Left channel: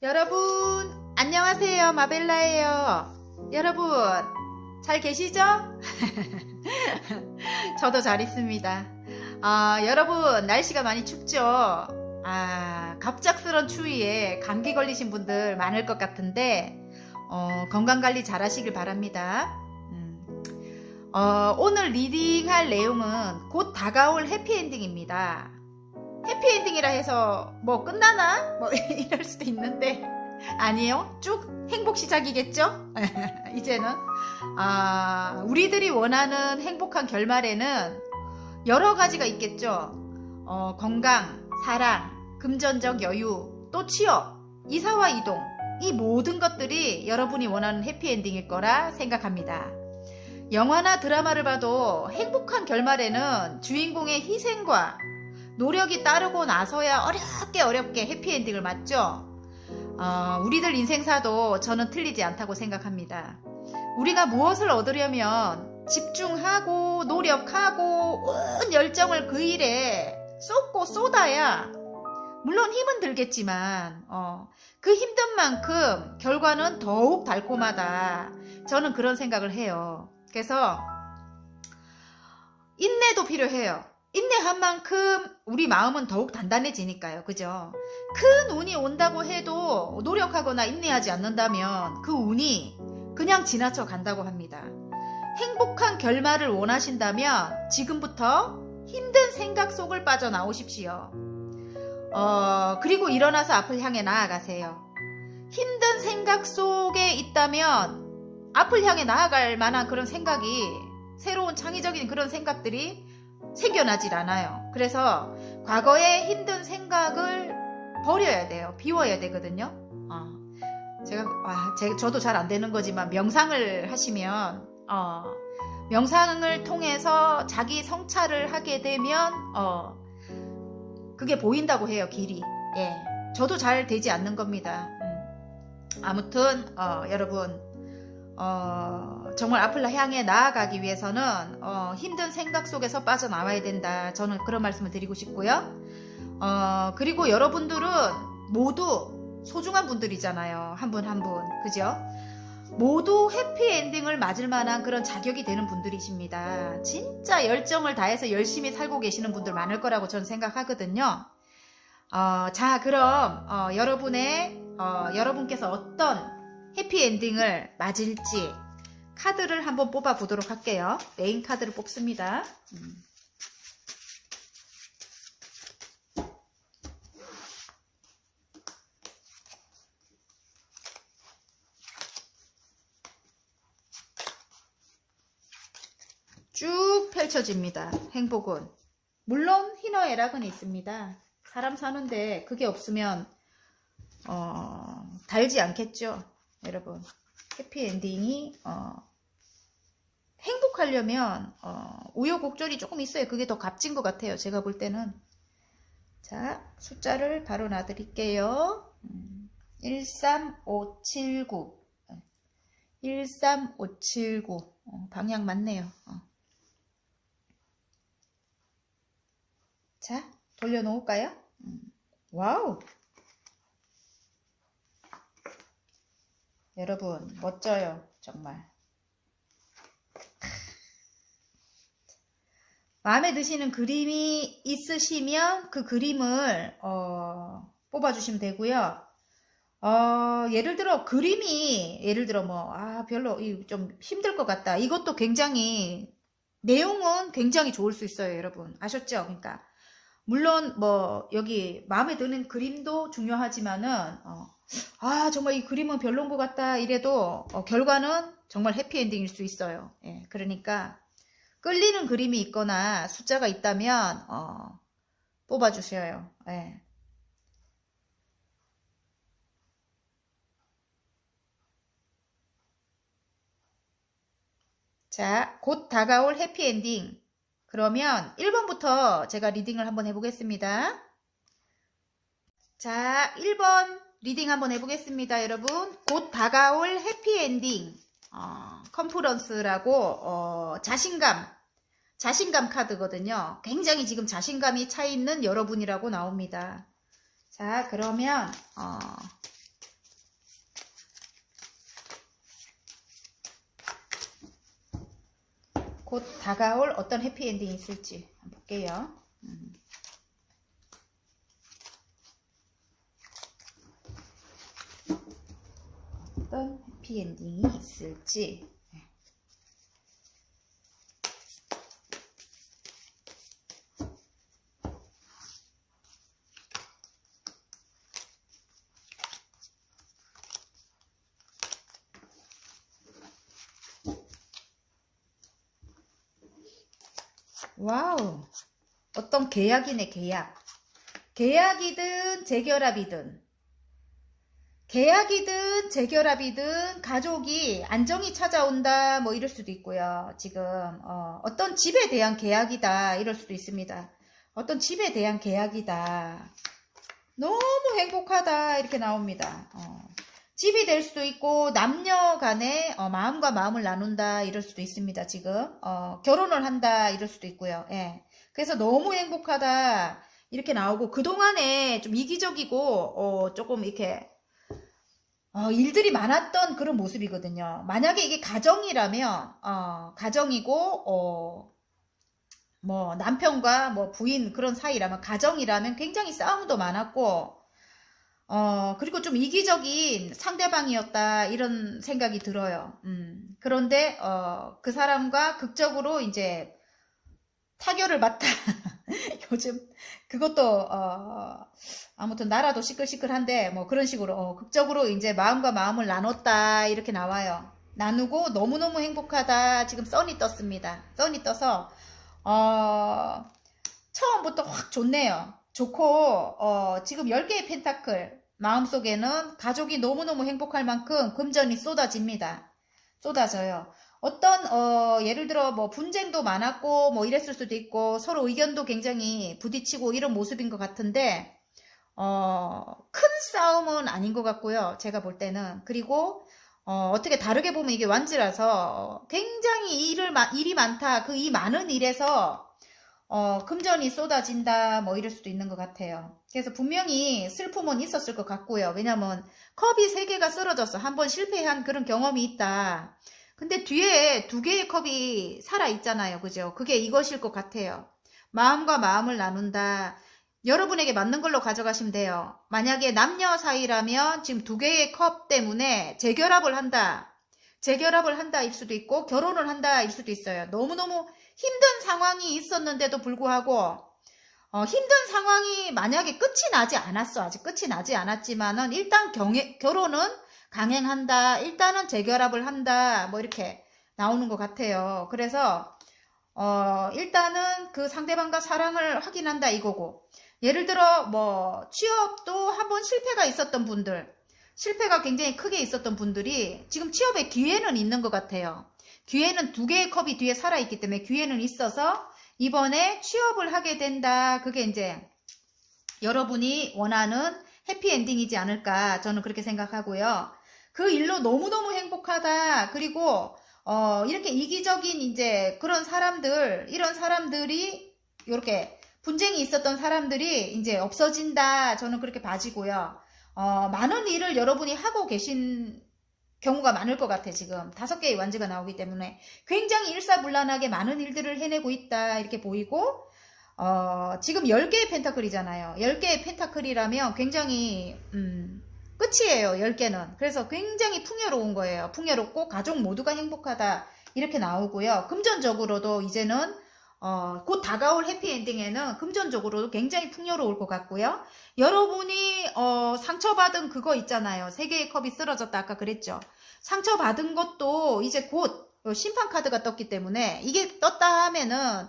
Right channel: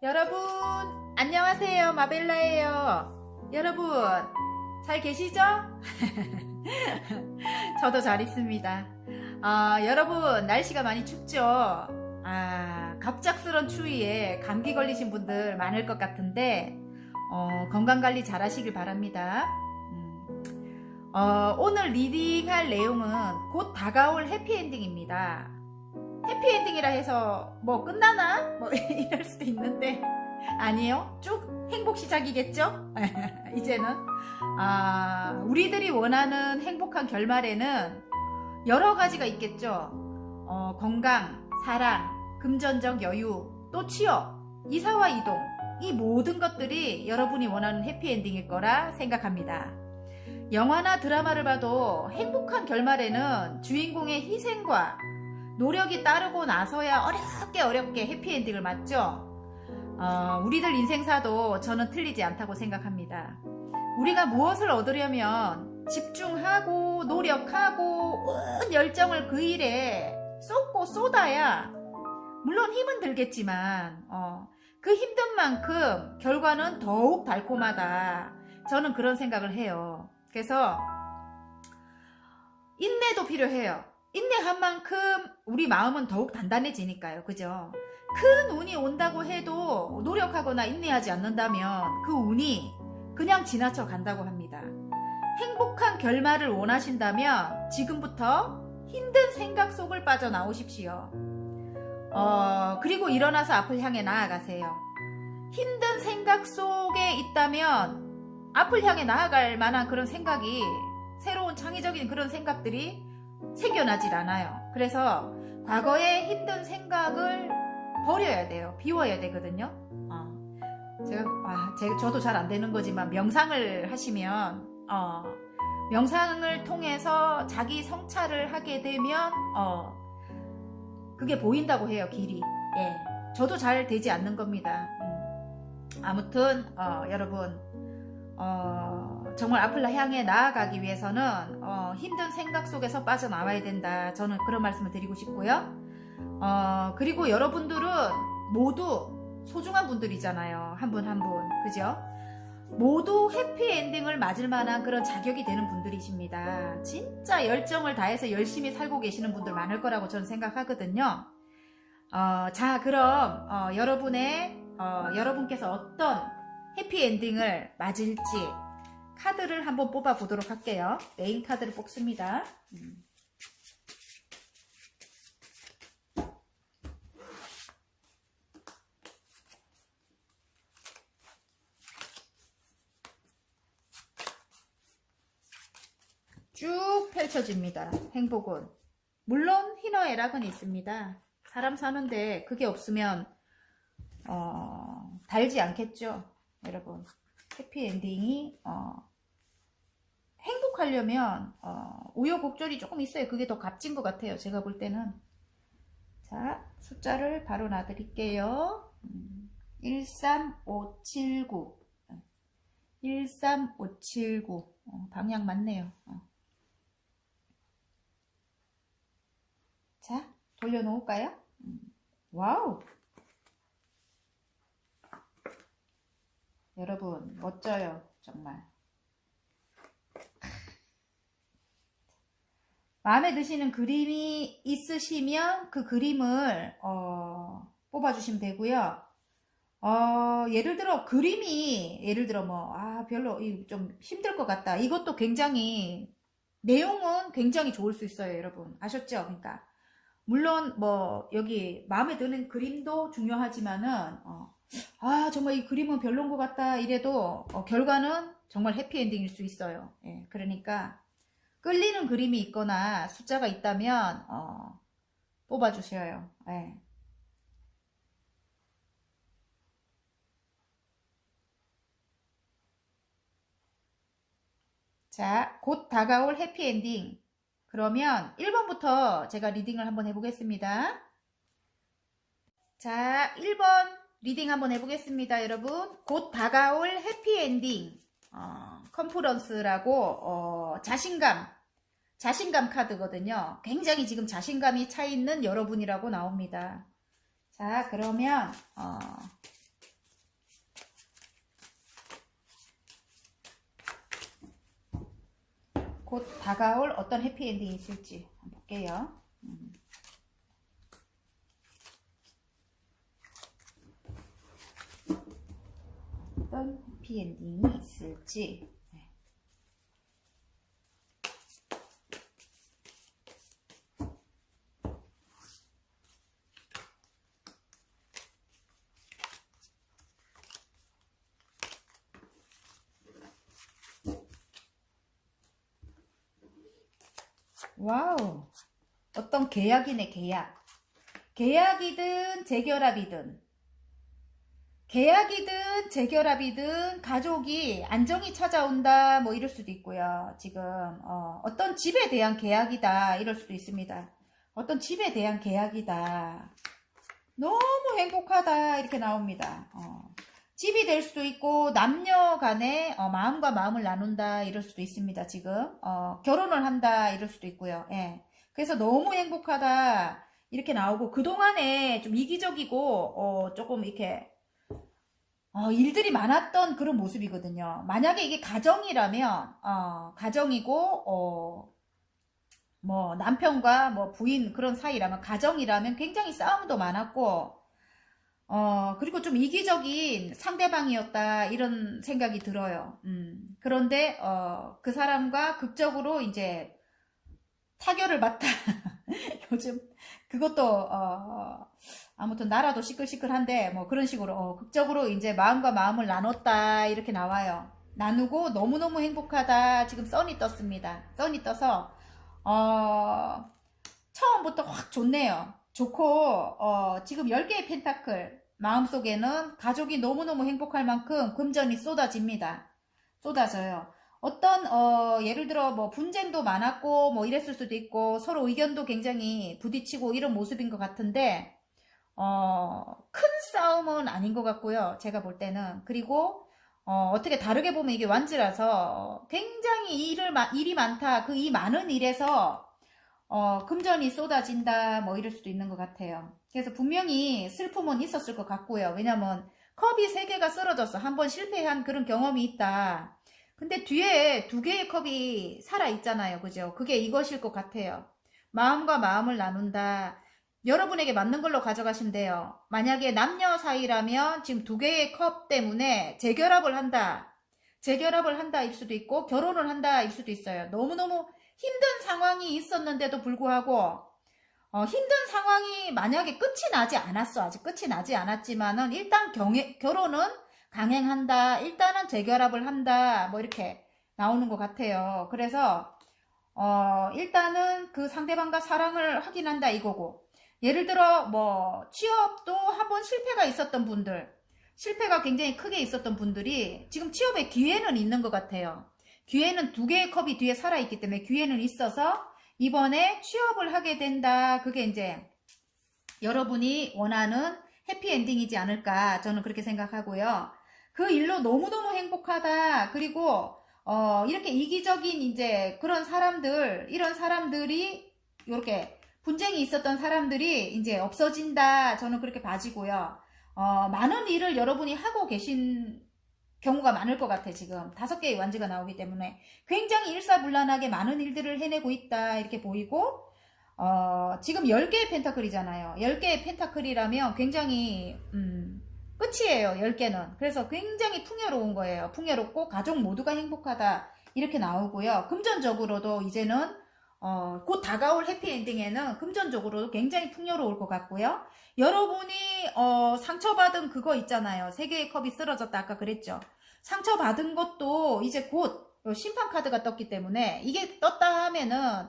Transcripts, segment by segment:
여러분, 안녕하세요. 마벨라예요. 여러분, 잘 계시죠? 저도 잘 있습니다. 여러분, 날씨가 많이 춥죠? 갑작스런 추위에 감기 걸리신 분들 많을 것 같은데, 건강관리 잘 하시길 바랍니다. 오늘 리딩할 내용은 곧 다가올 해피엔딩입니다. 해피엔딩이라 해서 뭐 끝나나? 뭐 이럴 수도 있는데 아니에요. 쭉 행복 시작이겠죠? 이제는 우리들이 원하는 행복한 결말에는 여러 가지가 있겠죠. 건강, 사랑, 금전적 여유, 또 취업, 이사와 이동, 이 모든 것들이 여러분이 원하는 해피엔딩일 거라 생각합니다. 영화나 드라마를 봐도 행복한 결말에는 주인공의 희생과 노력이 따르고 나서야 어렵게 해피엔딩을 맞죠? 우리들 인생사도 저는 틀리지 않다고 생각합니다. 우리가 무엇을 얻으려면 집중하고 노력하고 온 열정을 그 일에 쏟고 쏟아야 물론 힘은 들겠지만 그 힘든 만큼 결과는 더욱 달콤하다. 저는 그런 생각을 해요. 그래서 인내도 필요해요. 인내한 만큼 우리 마음은 더욱 단단해지니까요. 그죠? 큰 운이 온다고 해도 노력하거나 인내하지 않는다면 그 운이 그냥 지나쳐 간다고 합니다. 행복한 결말을 원하신다면 지금부터 힘든 생각 속을 빠져나오십시오. 그리고 일어나서 앞을 향해 나아가세요. 힘든 생각 속에 있다면 앞을 향해 나아갈 만한 그런 생각이, 새로운 창의적인 그런 생각들이 생겨나질 않아요. 그래서 과거의 힘든 생각을 버려야 돼요. 비워야 되거든요. 저도 잘 안 되는 거지만 명상을 하시면 명상을 통해서 자기 성찰을 하게 되면 그게 보인다고 해요. 길이. 예, 저도 잘 되지 않는 겁니다. 아무튼 여러분 정말 앞을 향해 나아가기 위해서는 힘든 생각 속에서 빠져나와야 된다. 저는 그런 말씀을 드리고 싶고요. 그리고 여러분들은 모두 소중한 분들이잖아요. 한 분 한 분. 그죠? 모두 해피엔딩을 맞을 만한 그런 자격이 되는 분들이십니다. 진짜 열정을 다해서 열심히 살고 계시는 분들 많을 거라고 저는 생각하거든요. 자, 그럼 여러분께서 어떤 해피엔딩을 맞을지 카드를 한번 뽑아 보도록 할게요. 메인 카드를 뽑습니다. 쭉 펼쳐집니다. 행복은. 물론 희노애락은 있습니다. 사람 사는데 그게 없으면 달지 않겠죠. 여러분, 해피엔딩이 행복하려면 우여곡절이 조금 있어요. 그게 더 값진 것 같아요. 제가 볼 때는. 자, 숫자를 바로 놔드릴게요. 13579 13579 방향 맞네요. 자, 돌려놓을까요? 와우! 여러분, 멋져요. 정말. 마음에 드시는 그림이 있으시면 그 그림을 뽑아주시면 되고요. 예를 들어 별로 좀 힘들 것 같다. 이것도 굉장히 내용은 굉장히 좋을 수 있어요, 여러분. 아셨죠? 그러니까 물론 뭐 여기 마음에 드는 그림도 중요하지만은 정말 이 그림은 별론 것 같다 이래도 결과는 정말 해피엔딩일 수 있어요. 예, 그러니까 끌리는 그림이 있거나 숫자가 있다면 뽑아주셔요. 예. 자, 곧 다가올 해피엔딩. 그러면 1번부터 제가 리딩을 한번 해보겠습니다. 자, 1번 리딩 한번 해보겠습니다, 여러분. 곧 다가올 해피엔딩. 컨퍼런스라고 자신감 카드거든요. 굉장히 지금 자신감이 차 있는 여러분이라고 나옵니다. 자, 그러면 다가올 어떤 해피엔딩이 있을지 한번 볼게요. 어떤 해피엔딩이 있을지. 와우, 어떤 계약이네, 계약. 계약이든 재결합이든, 계약이든 재결합이든 가족이 안정이 찾아온다 뭐 이럴 수도 있고요. 지금 어떤 집에 대한 계약이다 이럴 수도 있습니다. 어떤 집에 대한 계약이다. 너무 행복하다 이렇게 나옵니다. 집이 될 수도 있고 남녀 간에 마음과 마음을 나눈다 이럴 수도 있습니다. 지금 결혼을 한다 이럴 수도 있고요. 예. 그래서 너무 행복하다 이렇게 나오고, 그동안에 좀 이기적이고 조금 이렇게 일들이 많았던 그런 모습이거든요. 만약에 이게 가정이라면 가정이고 뭐 남편과 뭐 부인 그런 사이라면, 가정이라면 굉장히 싸움도 많았고 그리고 좀 이기적인 상대방이었다 이런 생각이 들어요. 그런데 그 사람과 극적으로 이제 타결을 받다. 요즘 그것도 아무튼 나라도 시끌시끌한데 뭐 그런 식으로 극적으로 이제 마음과 마음을 나눴다 이렇게 나와요. 나누고 너무너무 행복하다. 지금 선이 떴습니다. 선이 떠서 처음부터 확 좋네요. 좋고 지금 10개의 펜타클 마음속에는 가족이 너무너무 행복할 만큼 금전이 쏟아집니다. 쏟아져요. 어떤 예를 들어 뭐 분쟁도 많았고 뭐 이랬을 수도 있고 서로 의견도 굉장히 부딪히고 이런 모습인 것 같은데 큰 싸움은 아닌 것 같고요. 제가 볼 때는. 그리고 어떻게 다르게 보면 이게 완지라서 굉장히 일이 많다. 그 이 많은 일에서 금전이 쏟아진다 뭐 이럴 수도 있는 것 같아요. 그래서 분명히 슬픔은 있었을 것 같고요. 왜냐면 컵이 3개가 쓰러져서 한번 실패한 그런 경험이 있다. 근데 뒤에 2개의 컵이 살아있잖아요. 그죠? 그게 이것일 것 같아요. 마음과 마음을 나눈다. 여러분에게 맞는 걸로 가져가시면 돼요. 만약에 남녀 사이라면 지금 2개의 컵 때문에 재결합을 한다. 재결합을 한다 일 수도 있고 결혼을 한다 일 수도 있어요. 너무너무 힘든 상황이 있었는데도 불구하고 힘든 상황이 만약에 끝이 나지 않았어. 아직 끝이 나지 않았지만은 일단 결혼은 강행한다. 일단은 재결합을 한다. 뭐 이렇게 나오는 것 같아요. 그래서 일단은 그 상대방과 사랑을 확인한다 이거고, 예를 들어 뭐 취업도 한번 실패가 있었던 분들, 실패가 굉장히 크게 있었던 분들이 지금 취업에 기회는 있는 것 같아요. 기회는 2개의 컵이 뒤에 살아있기 때문에 기회는 있어서 이번에 취업을 하게 된다. 그게 이제 여러분이 원하는 해피엔딩이지 않을까 저는 그렇게 생각하고요. 그 일로 너무너무 행복하다. 그리고 이렇게 이기적인 이제 그런 사람들, 이런 사람들이 이렇게 분쟁이 있었던 사람들이 이제 없어진다. 저는 그렇게 봐지고요. 많은 일을 여러분이 하고 계신 경우가 많을 것 같아. 지금 5개의 완지가 나오기 때문에 굉장히 일사불란하게 많은 일들을 해내고 있다 이렇게 보이고, 지금 10개의 펜타클이잖아요. 10개의 펜타클이라면 굉장히 끝이에요. 10개는. 그래서 굉장히 풍요로운 거예요. 풍요롭고 가족 모두가 행복하다 이렇게 나오고요. 금전적으로도 이제는 곧 다가올 해피엔딩에는 금전적으로도 굉장히 풍요로울 것 같고요. 여러분이 상처받은 그거 있잖아요. 3개의 컵이 쓰러졌다 아까 그랬죠. 상처받은 것도 이제 곧 심판카드가 떴기 때문에, 이게 떴다 하면은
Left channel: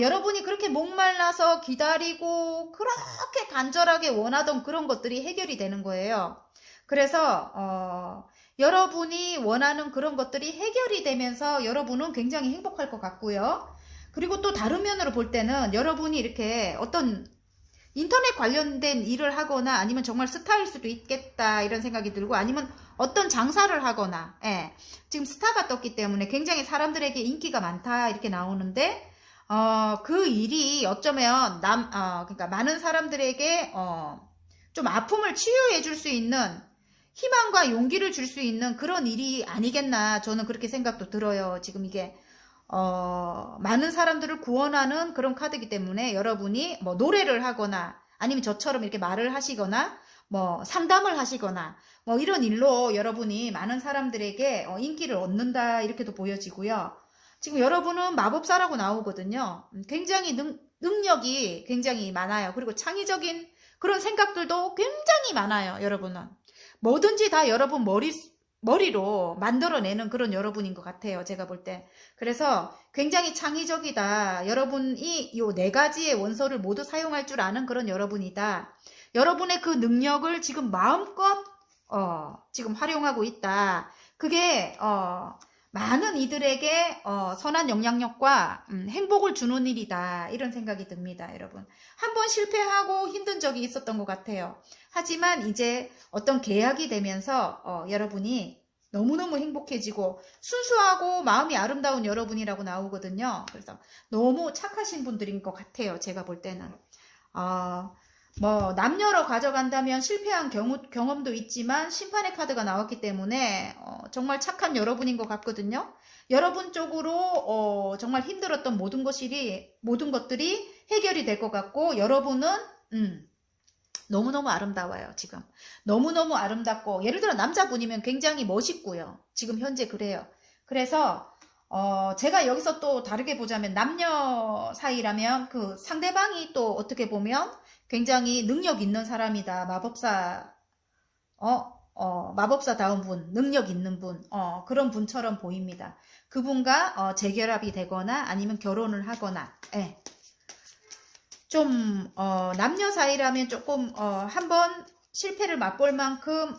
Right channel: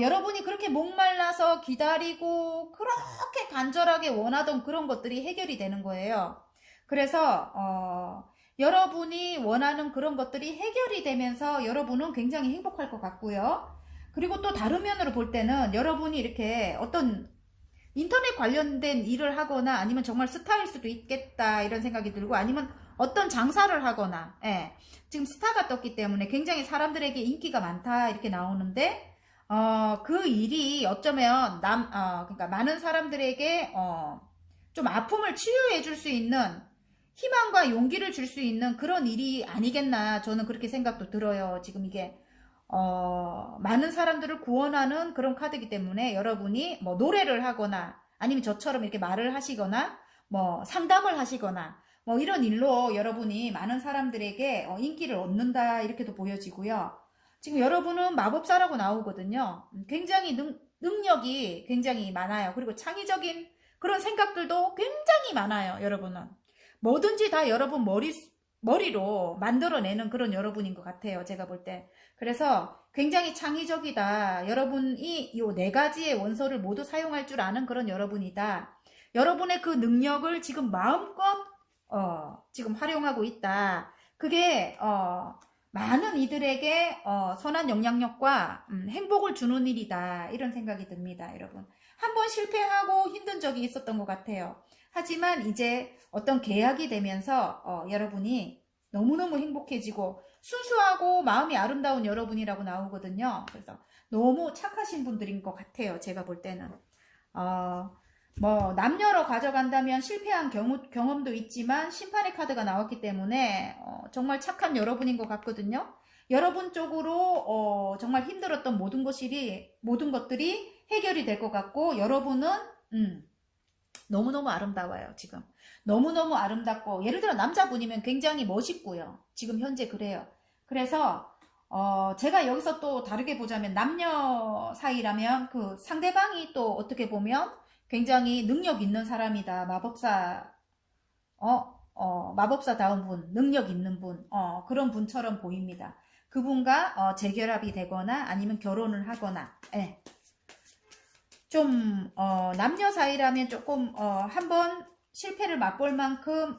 여러분이 그렇게 목말라서 기다리고 그렇게 간절하게 원하던 그런 것들이 해결이 되는 거예요. 그래서 여러분이 원하는 그런 것들이 해결이 되면서 여러분은 굉장히 행복할 것 같고요. 그리고 또 다른 면으로 볼 때는 여러분이 이렇게 어떤 인터넷 관련된 일을 하거나 아니면 정말 스타일 수도 있겠다 이런 생각이 들고, 아니면 어떤 장사를 하거나, 지금 스타가 떴기 때문에 굉장히 사람들에게 인기가 많다 이렇게 나오는데, 그 일이 어쩌면 그러니까 많은 사람들에게 좀 아픔을 치유해 줄 수 있는, 희망과 용기를 줄 수 있는 그런 일이 아니겠나 저는 그렇게 생각도 들어요. 지금 이게 많은 사람들을 구원하는 그런 카드이기 때문에 여러분이 뭐 노래를 하거나 아니면 저처럼 이렇게 말을 하시거나 뭐 상담을 하시거나 뭐 이런 일로 여러분이 많은 사람들에게 인기를 얻는다 이렇게도 보여지고요. 지금 여러분은 마법사라고 나오거든요. 굉장히 능력이 굉장히 많아요. 그리고 창의적인 그런 생각들도 굉장히 많아요. 여러분은 뭐든지 다 여러분 머리로 만들어내는 그런 여러분인 것 같아요. 제가 볼 때. 그래서 굉장히 창의적이다. 여러분이 요 네 가지의 원소를 모두 사용할 줄 아는 그런 여러분이다. 여러분의 그 능력을 지금 마음껏 지금 활용하고 있다. 그게 많은 이들에게 선한 영향력과 행복을 주는 일이다. 이런 생각이 듭니다. 여러분. 한번 실패하고 힘든 적이 있었던 것 같아요. 하지만 이제 어떤 계약이 되면서 여러분이 너무너무 행복해지고 순수하고 마음이 아름다운 여러분이라고 나오거든요. 그래서 너무 착하신 분들인 것 같아요. 제가 볼 때는. 뭐 남녀로 가져간다면 실패한 경험도 있지만 심판의 카드가 나왔기 때문에 정말 착한 여러분인 것 같거든요. 여러분 쪽으로 정말 힘들었던 모든 것들이 해결이 될 것 같고 여러분은 너무너무 아름다워요. 지금 너무너무 아름답고 예를 들어 남자분이면 굉장히 멋있고요. 지금 현재 그래요. 그래서 제가 여기서 또 다르게 보자면 남녀 사이라면 그 상대방이 또 어떻게 보면 굉장히 능력 있는 사람이다. 마법사다운 분, 능력 있는 분, 그런 분처럼 보입니다. 그분과 재결합이 되거나 아니면 결혼을 하거나, 예. 좀, 남녀 사이라면 조금, 한번 실패를 맛볼 만큼,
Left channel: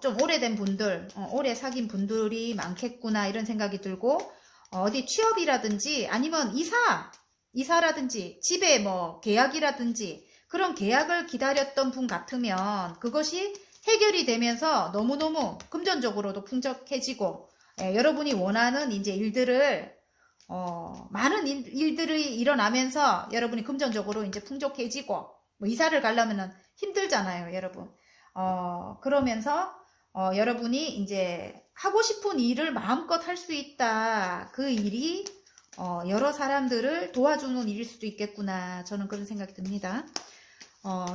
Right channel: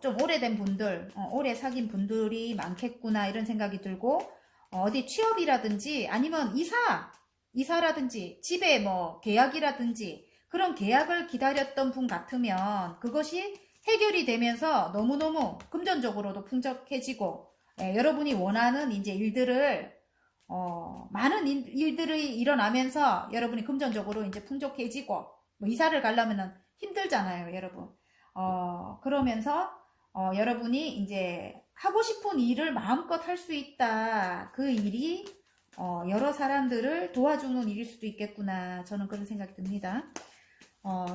좀 오래된 분들, 오래 사귄 분들이 많겠구나, 이런 생각이 들고, 어디 취업이라든지 아니면 이사라든지 집에 뭐 계약이라든지 그런 계약을 기다렸던 분 같으면 그것이 해결이 되면서 너무너무 금전적으로도 풍족해지고 여러분이 원하는 이제 일들을 많은 일들이 일어나면서 여러분이 금전적으로 이제 풍족해지고 뭐 이사를 가려면은 힘들잖아요, 여러분. 그러면서 여러분이 이제 하고 싶은 일을 마음껏 할 수 있다. 그 일이 여러 사람들을 도와주는 일일 수도 있겠구나. 저는 그런 생각이 듭니다.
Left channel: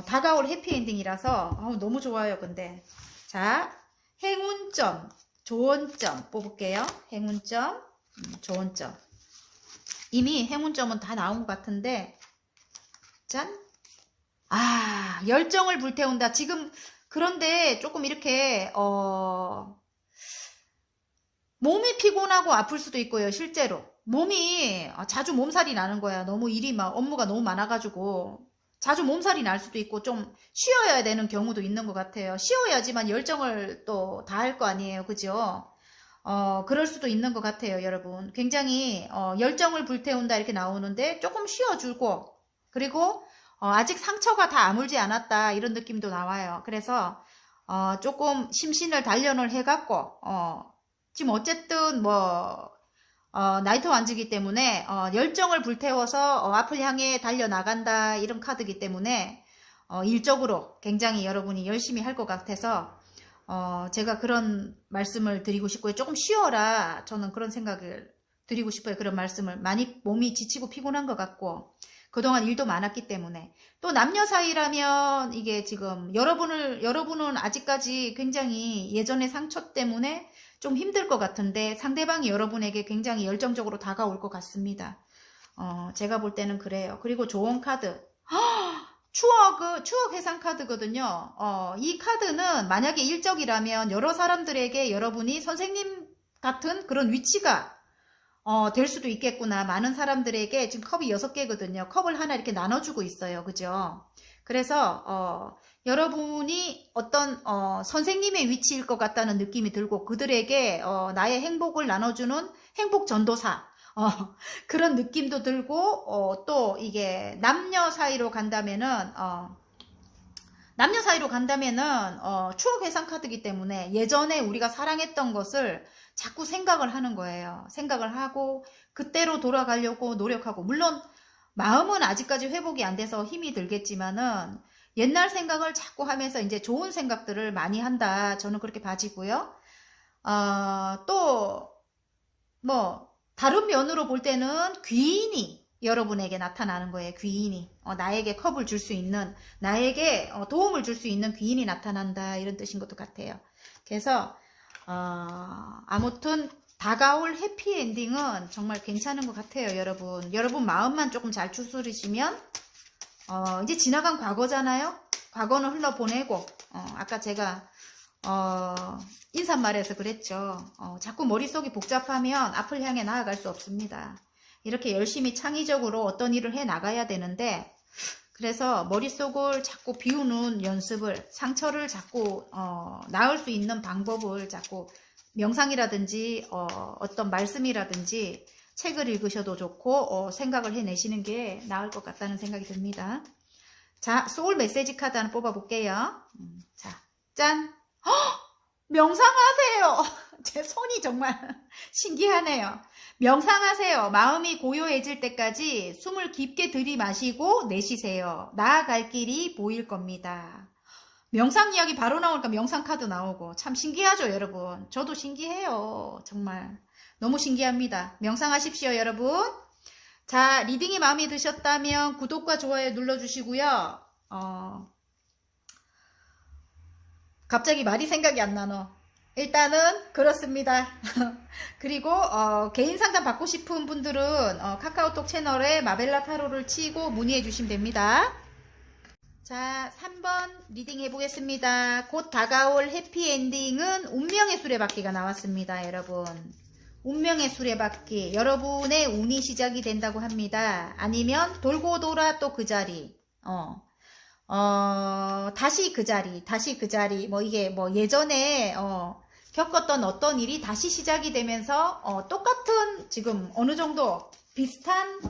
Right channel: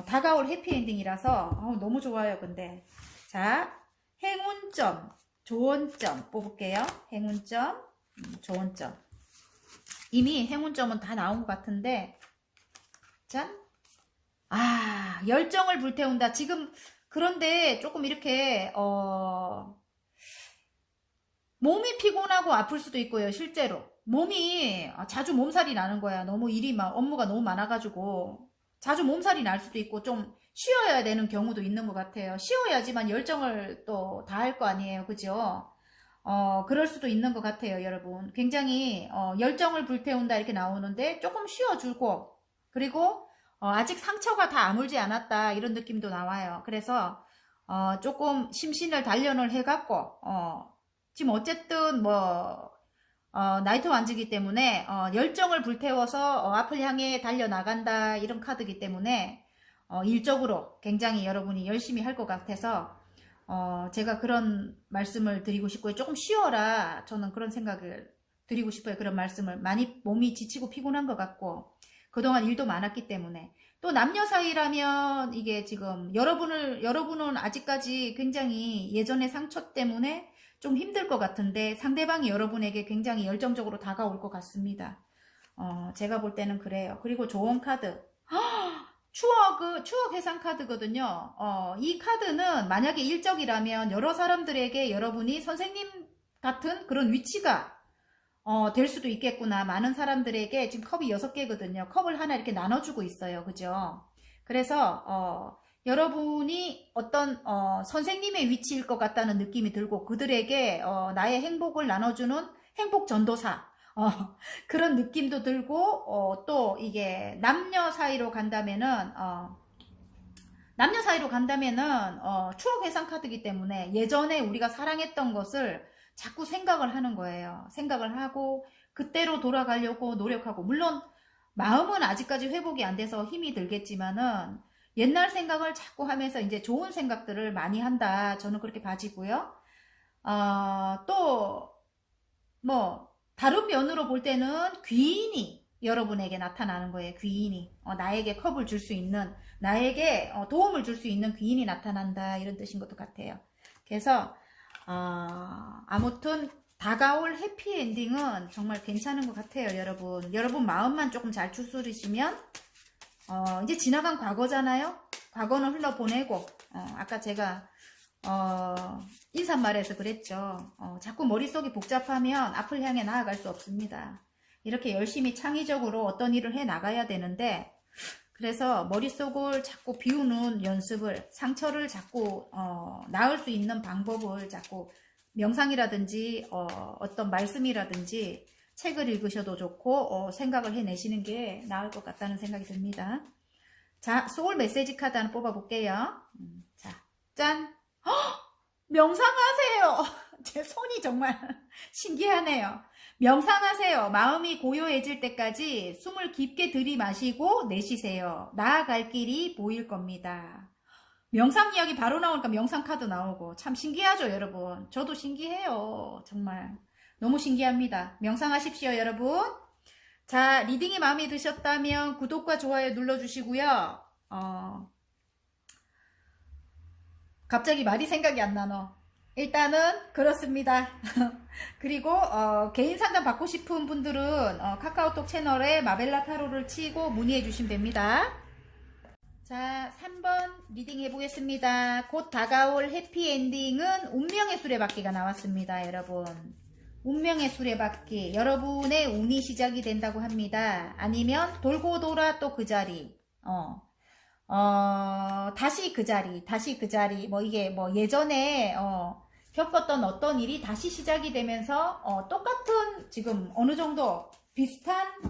다가올 해피엔딩이라서 너무 좋아요. 근데 자, 행운점, 좋은점 뽑을게요. 행운점, 좋은점. 이미 행운점은 다 나온 것 같은데 짠. 열정을 불태운다. 지금 그런데 조금 이렇게 몸이 피곤하고 아플 수도 있고요. 실제로 몸이 자주 몸살이 나는 거야. 너무 일이 막 업무가 너무 많아가지고 자주 몸살이 날 수도 있고 좀 쉬어야 되는 경우도 있는 것 같아요. 쉬어야지만 열정을 또 다 할 거 아니에요. 그죠? 그럴 수도 있는 것 같아요. 여러분 굉장히 열정을 불태운다 이렇게 나오는데 조금 쉬어주고 그리고 아직 상처가 다 아물지 않았다 이런 느낌도 나와요. 그래서 조금 심신을 단련을 해갖고 지금 어쨌든 뭐 나이트 완즈이기 때문에 열정을 불태워서 앞을 향해 달려나간다 이런 카드이기 때문에 일적으로 굉장히 여러분이 열심히 할 것 같아서 제가 그런 말씀을 드리고 싶고요. 조금 쉬어라 저는 그런 생각을 드리고 싶어요. 그런 말씀을 많이 몸이 지치고 피곤한 것 같고 그동안 일도 많았기 때문에 또 남녀 사이라면 이게 지금 여러분은 아직까지 굉장히 예전의 상처 때문에 좀 힘들 것 같은데 상대방이 여러분에게 굉장히 열정적으로 다가올 것 같습니다. 제가 볼 때는 그래요. 그리고 좋은 카드. 추억 해상 카드거든요. 이 카드는 만약에 일적이라면 여러 사람들에게 여러분이 선생님 같은 그런 위치가 될 수도 있겠구나. 많은 사람들에게 지금 컵이 6개거든요. 컵을 하나 이렇게 나눠주고 있어요. 그죠? 그래서 여러분이 어떤 선생님의 위치일 것 같다는 느낌이 들고 그들에게 나의 행복을 나눠주는 행복 전도사 그런 느낌도 들고 또 이게 남녀 사이로 간다면은 추억 회상 카드이기 때문에 예전에 우리가 사랑했던 것을 자꾸 생각을 하는 거예요. 생각을 하고 그때로 돌아가려고 노력하고 물론 마음은 아직까지 회복이 안 돼서 힘이 들겠지만은 옛날 생각을 자꾸 하면서 이제 좋은 생각들을 많이 한다. 저는 그렇게 봐지고요. 또 뭐 다른 면으로 볼 때는 귀인이 여러분에게 나타나는 거예요. 귀인이. 나에게 컵을 줄 수 있는, 나에게 도움을 줄 수 있는 귀인이 나타난다. 이런 뜻인 것도 같아요. 그래서 아무튼 다가올 해피엔딩은 정말 괜찮은 것 같아요. 여러분 마음만 조금 잘 추스리시면 이제 지나간 과거잖아요. 과거는 흘러보내고 아까 제가 인사말에서 그랬죠. 자꾸 머릿속이 복잡하면 앞을 향해 나아갈 수 없습니다. 이렇게 열심히 창의적으로 어떤 일을 해 나가야 되는데, 그래서 머릿속을 자꾸 비우는 연습을, 상처를 자꾸 나을 수 있는 방법을 자꾸 명상이라든지 어떤 말씀이라든지 책을 읽으셔도 좋고 생각을 해내시는 게 나을 것 같다는 생각이 듭니다. 자, 소울 메시지 카드 하나 뽑아볼게요. 자, 짠! 헉! 명상하세요. 제 손이 정말 신기하네요. 명상하세요. 마음이 고요해질 때까지 숨을 깊게 들이마시고 내쉬세요. 나아갈 길이 보일 겁니다. 명상 이야기 바로 나오니까 명상 카드 나오고 참 신기하죠, 여러분. 저도 신기해요. 정말 너무 신기합니다. 명상하십시오, 여러분. 자, 리딩이 마음에 드셨다면 구독과 좋아요 눌러주시고요. 갑자기 말이 생각이 안 나노. 일단은 그렇습니다. 그리고 개인 상담 받고 싶은 분들은 카카오톡 채널에 마벨라 타로를 치고 문의해 주시면 됩니다. 자, 3번 리딩 해보겠습니다. 곧 다가올 해피엔딩은 운명의 수레바퀴가 나왔습니다. 여러분, 운명의 수레바퀴, 여러분의 운이 시작이 된다고 합니다. 아니면 돌고 돌아 또 그 자리, 다시 그 자리, 뭐 이게 뭐 예전에 겪었던 어떤 일이 다시 시작이 되면서 똑같은 지금 어느 정도 비슷한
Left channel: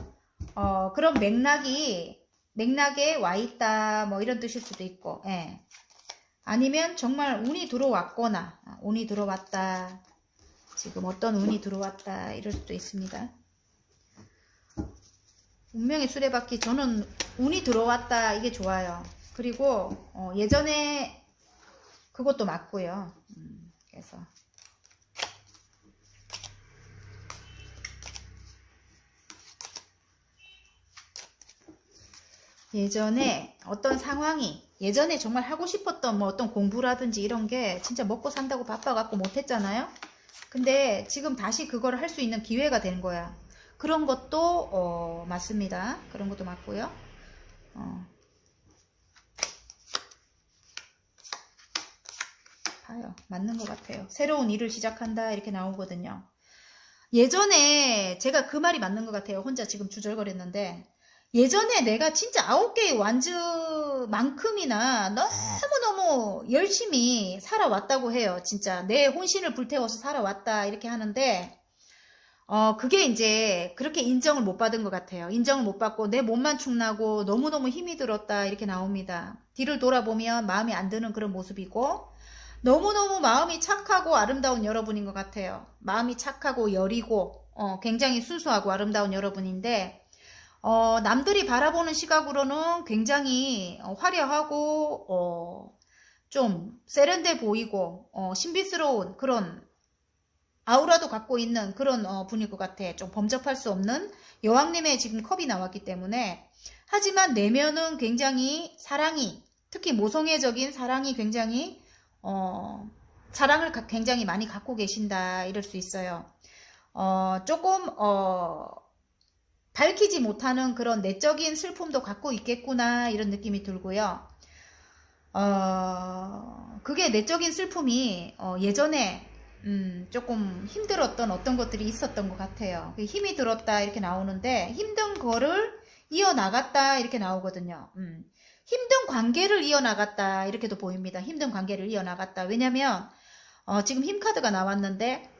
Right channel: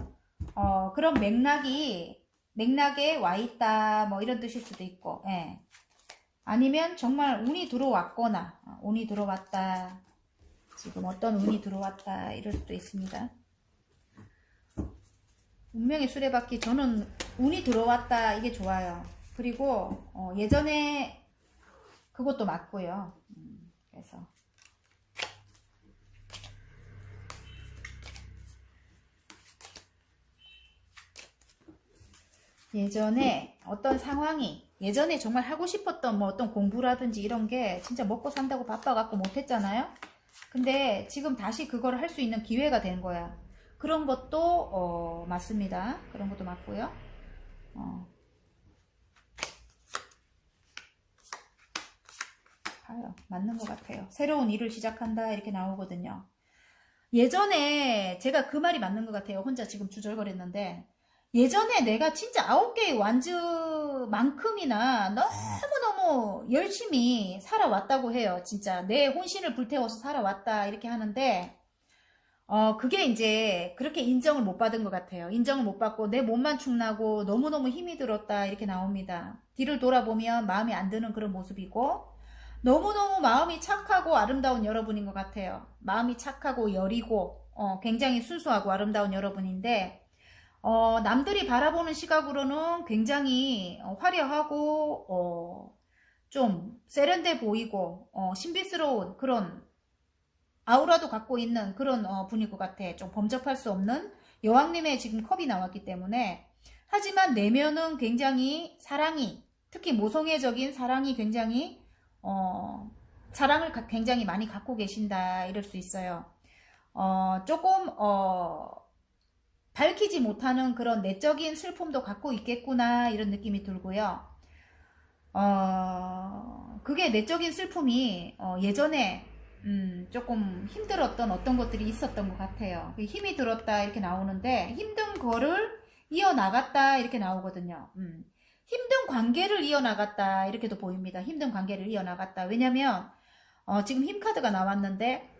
그런 맥락에 와 있다, 뭐 이런 뜻일 수도 있고, 예. 아니면 정말 운이 들어왔거나 운이 들어왔다, 지금 어떤 운이 들어왔다 이럴 수도 있습니다. 운명의 수레바퀴, 저는 운이 들어왔다 이게 좋아요. 그리고 예전에 그것도 맞고요. 그래서 예전에 어떤 상황이, 예전에 정말 하고 싶었던 뭐 어떤 공부라든지 이런 게 진짜 먹고 산다고 바빠갖고 못했잖아요. 근데 지금 다시 그걸 할 수 있는 기회가 된 거야. 그런 것도 맞습니다. 그런 것도 맞고요. 봐요. 맞는 것 같아요. 새로운 일을 시작한다 이렇게 나오거든요. 예전에 제가 그 말이 맞는 것 같아요. 혼자 지금 주절거렸는데, 예전에 내가 진짜 9개의 완즈만큼이나 너무너무 열심히 살아왔다고 해요. 진짜 내 혼신을 불태워서 살아왔다 이렇게 하는데, 그게 이제 그렇게 인정을 못 받은 것 같아요. 인정을 못 받고 내 몸만 축나고 너무너무 힘이 들었다 이렇게 나옵니다. 뒤를 돌아보면 마음에 안 드는 그런 모습이고, 너무너무 마음이 착하고 아름다운 여러분인 것 같아요. 마음이 착하고 여리고 굉장히 순수하고 아름다운 여러분인데, 남들이 바라보는 시각으로는 굉장히 화려하고 좀 세련돼 보이고 신비스러운 그런 아우라도 갖고 있는 그런 분일 것 같아. 좀 범접할 수 없는 여왕님의 지금 컵이 나왔기 때문에, 하지만 내면은 굉장히 사랑이, 특히 모성애적인 사랑이 굉장히 사랑을 굉장히 많이 갖고 계신다 이럴 수 있어요. 조금 밝히지 못하는 그런 내적인 슬픔도 갖고 있겠구나 이런 느낌이 들고요. 그게 내적인 슬픔이 예전에 조금 힘들었던 어떤 것들이 있었던 것 같아요. 힘이 들었다 이렇게 나오는데, 힘든 거를 이어나갔다 이렇게 나오거든요. 힘든 관계를 이어나갔다 이렇게도 보입니다. 힘든 관계를 이어나갔다. 왜냐면 지금 힘카드가 나왔는데,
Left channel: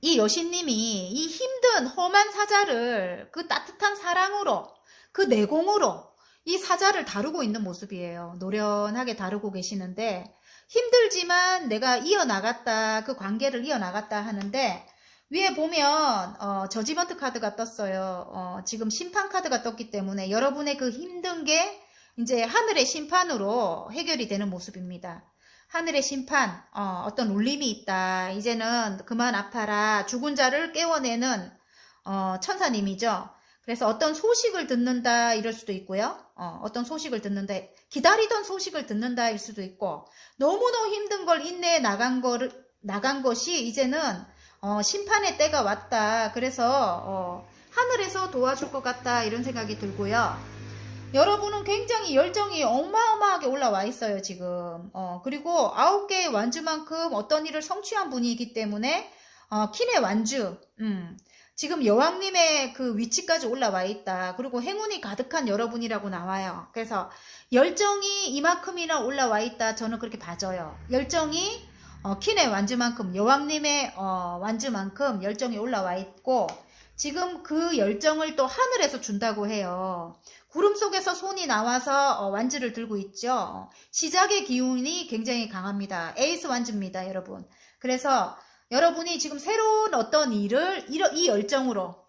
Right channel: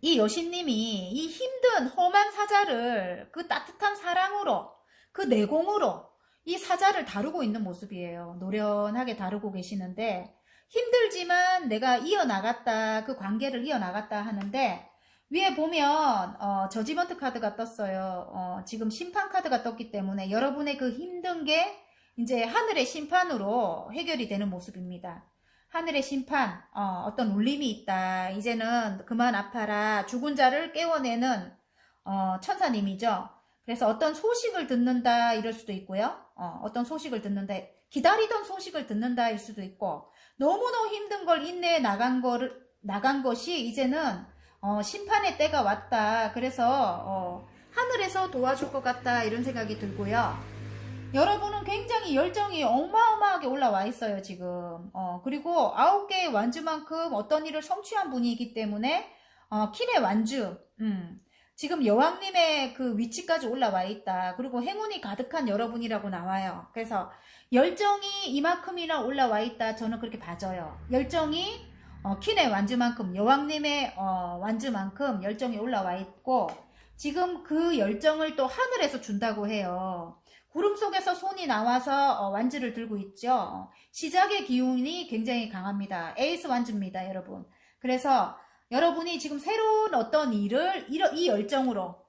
이 여신님이 이 힘든 험한 사자를 그 따뜻한 사랑으로, 그 내공으로 이 사자를 다루고 있는 모습이에요. 노련하게 다루고 계시는데, 힘들지만 내가 이어나갔다, 그 관계를 이어나갔다 하는데, 위에 보면 저지먼트 카드가 떴어요. 지금 심판 카드가 떴기 때문에 여러분의 그 힘든 게 이제 하늘의 심판으로 해결이 되는 모습입니다. 하늘의 심판, 어떤 울림이 있다. 이제는 그만 아파라. 죽은 자를 깨워내는 천사님이죠. 그래서 어떤 소식을 듣는다 이럴 수도 있고요. 어떤 소식을 듣는다, 기다리던 소식을 듣는다일 수도 있고, 너무너무 힘든 걸 인내해 나간 것이 이제는 심판의 때가 왔다. 그래서 하늘에서 도와줄 것 같다 이런 생각이 들고요. 여러분은 굉장히 열정이 어마어마하게 올라와 있어요, 지금. 그리고 9개의 완주만큼 어떤 일을 성취한 분이기 때문에, 킨의 완주, 지금 여왕님의 그 위치까지 올라와 있다. 그리고 행운이 가득한 여러분이라고 나와요. 그래서 열정이 이만큼이나 올라와 있다. 저는 그렇게 봐져요. 열정이, 킨의 완주만큼, 여왕님의 완주만큼 열정이 올라와 있고, 지금 그 열정을 또 하늘에서 준다고 해요. 구름 속에서 손이 나와서 완주를 들고 있죠. 시작의 기운이 굉장히 강합니다. 에이스 완주입니다, 여러분. 그래서 여러분이 지금 새로운 어떤 일을 이 열정으로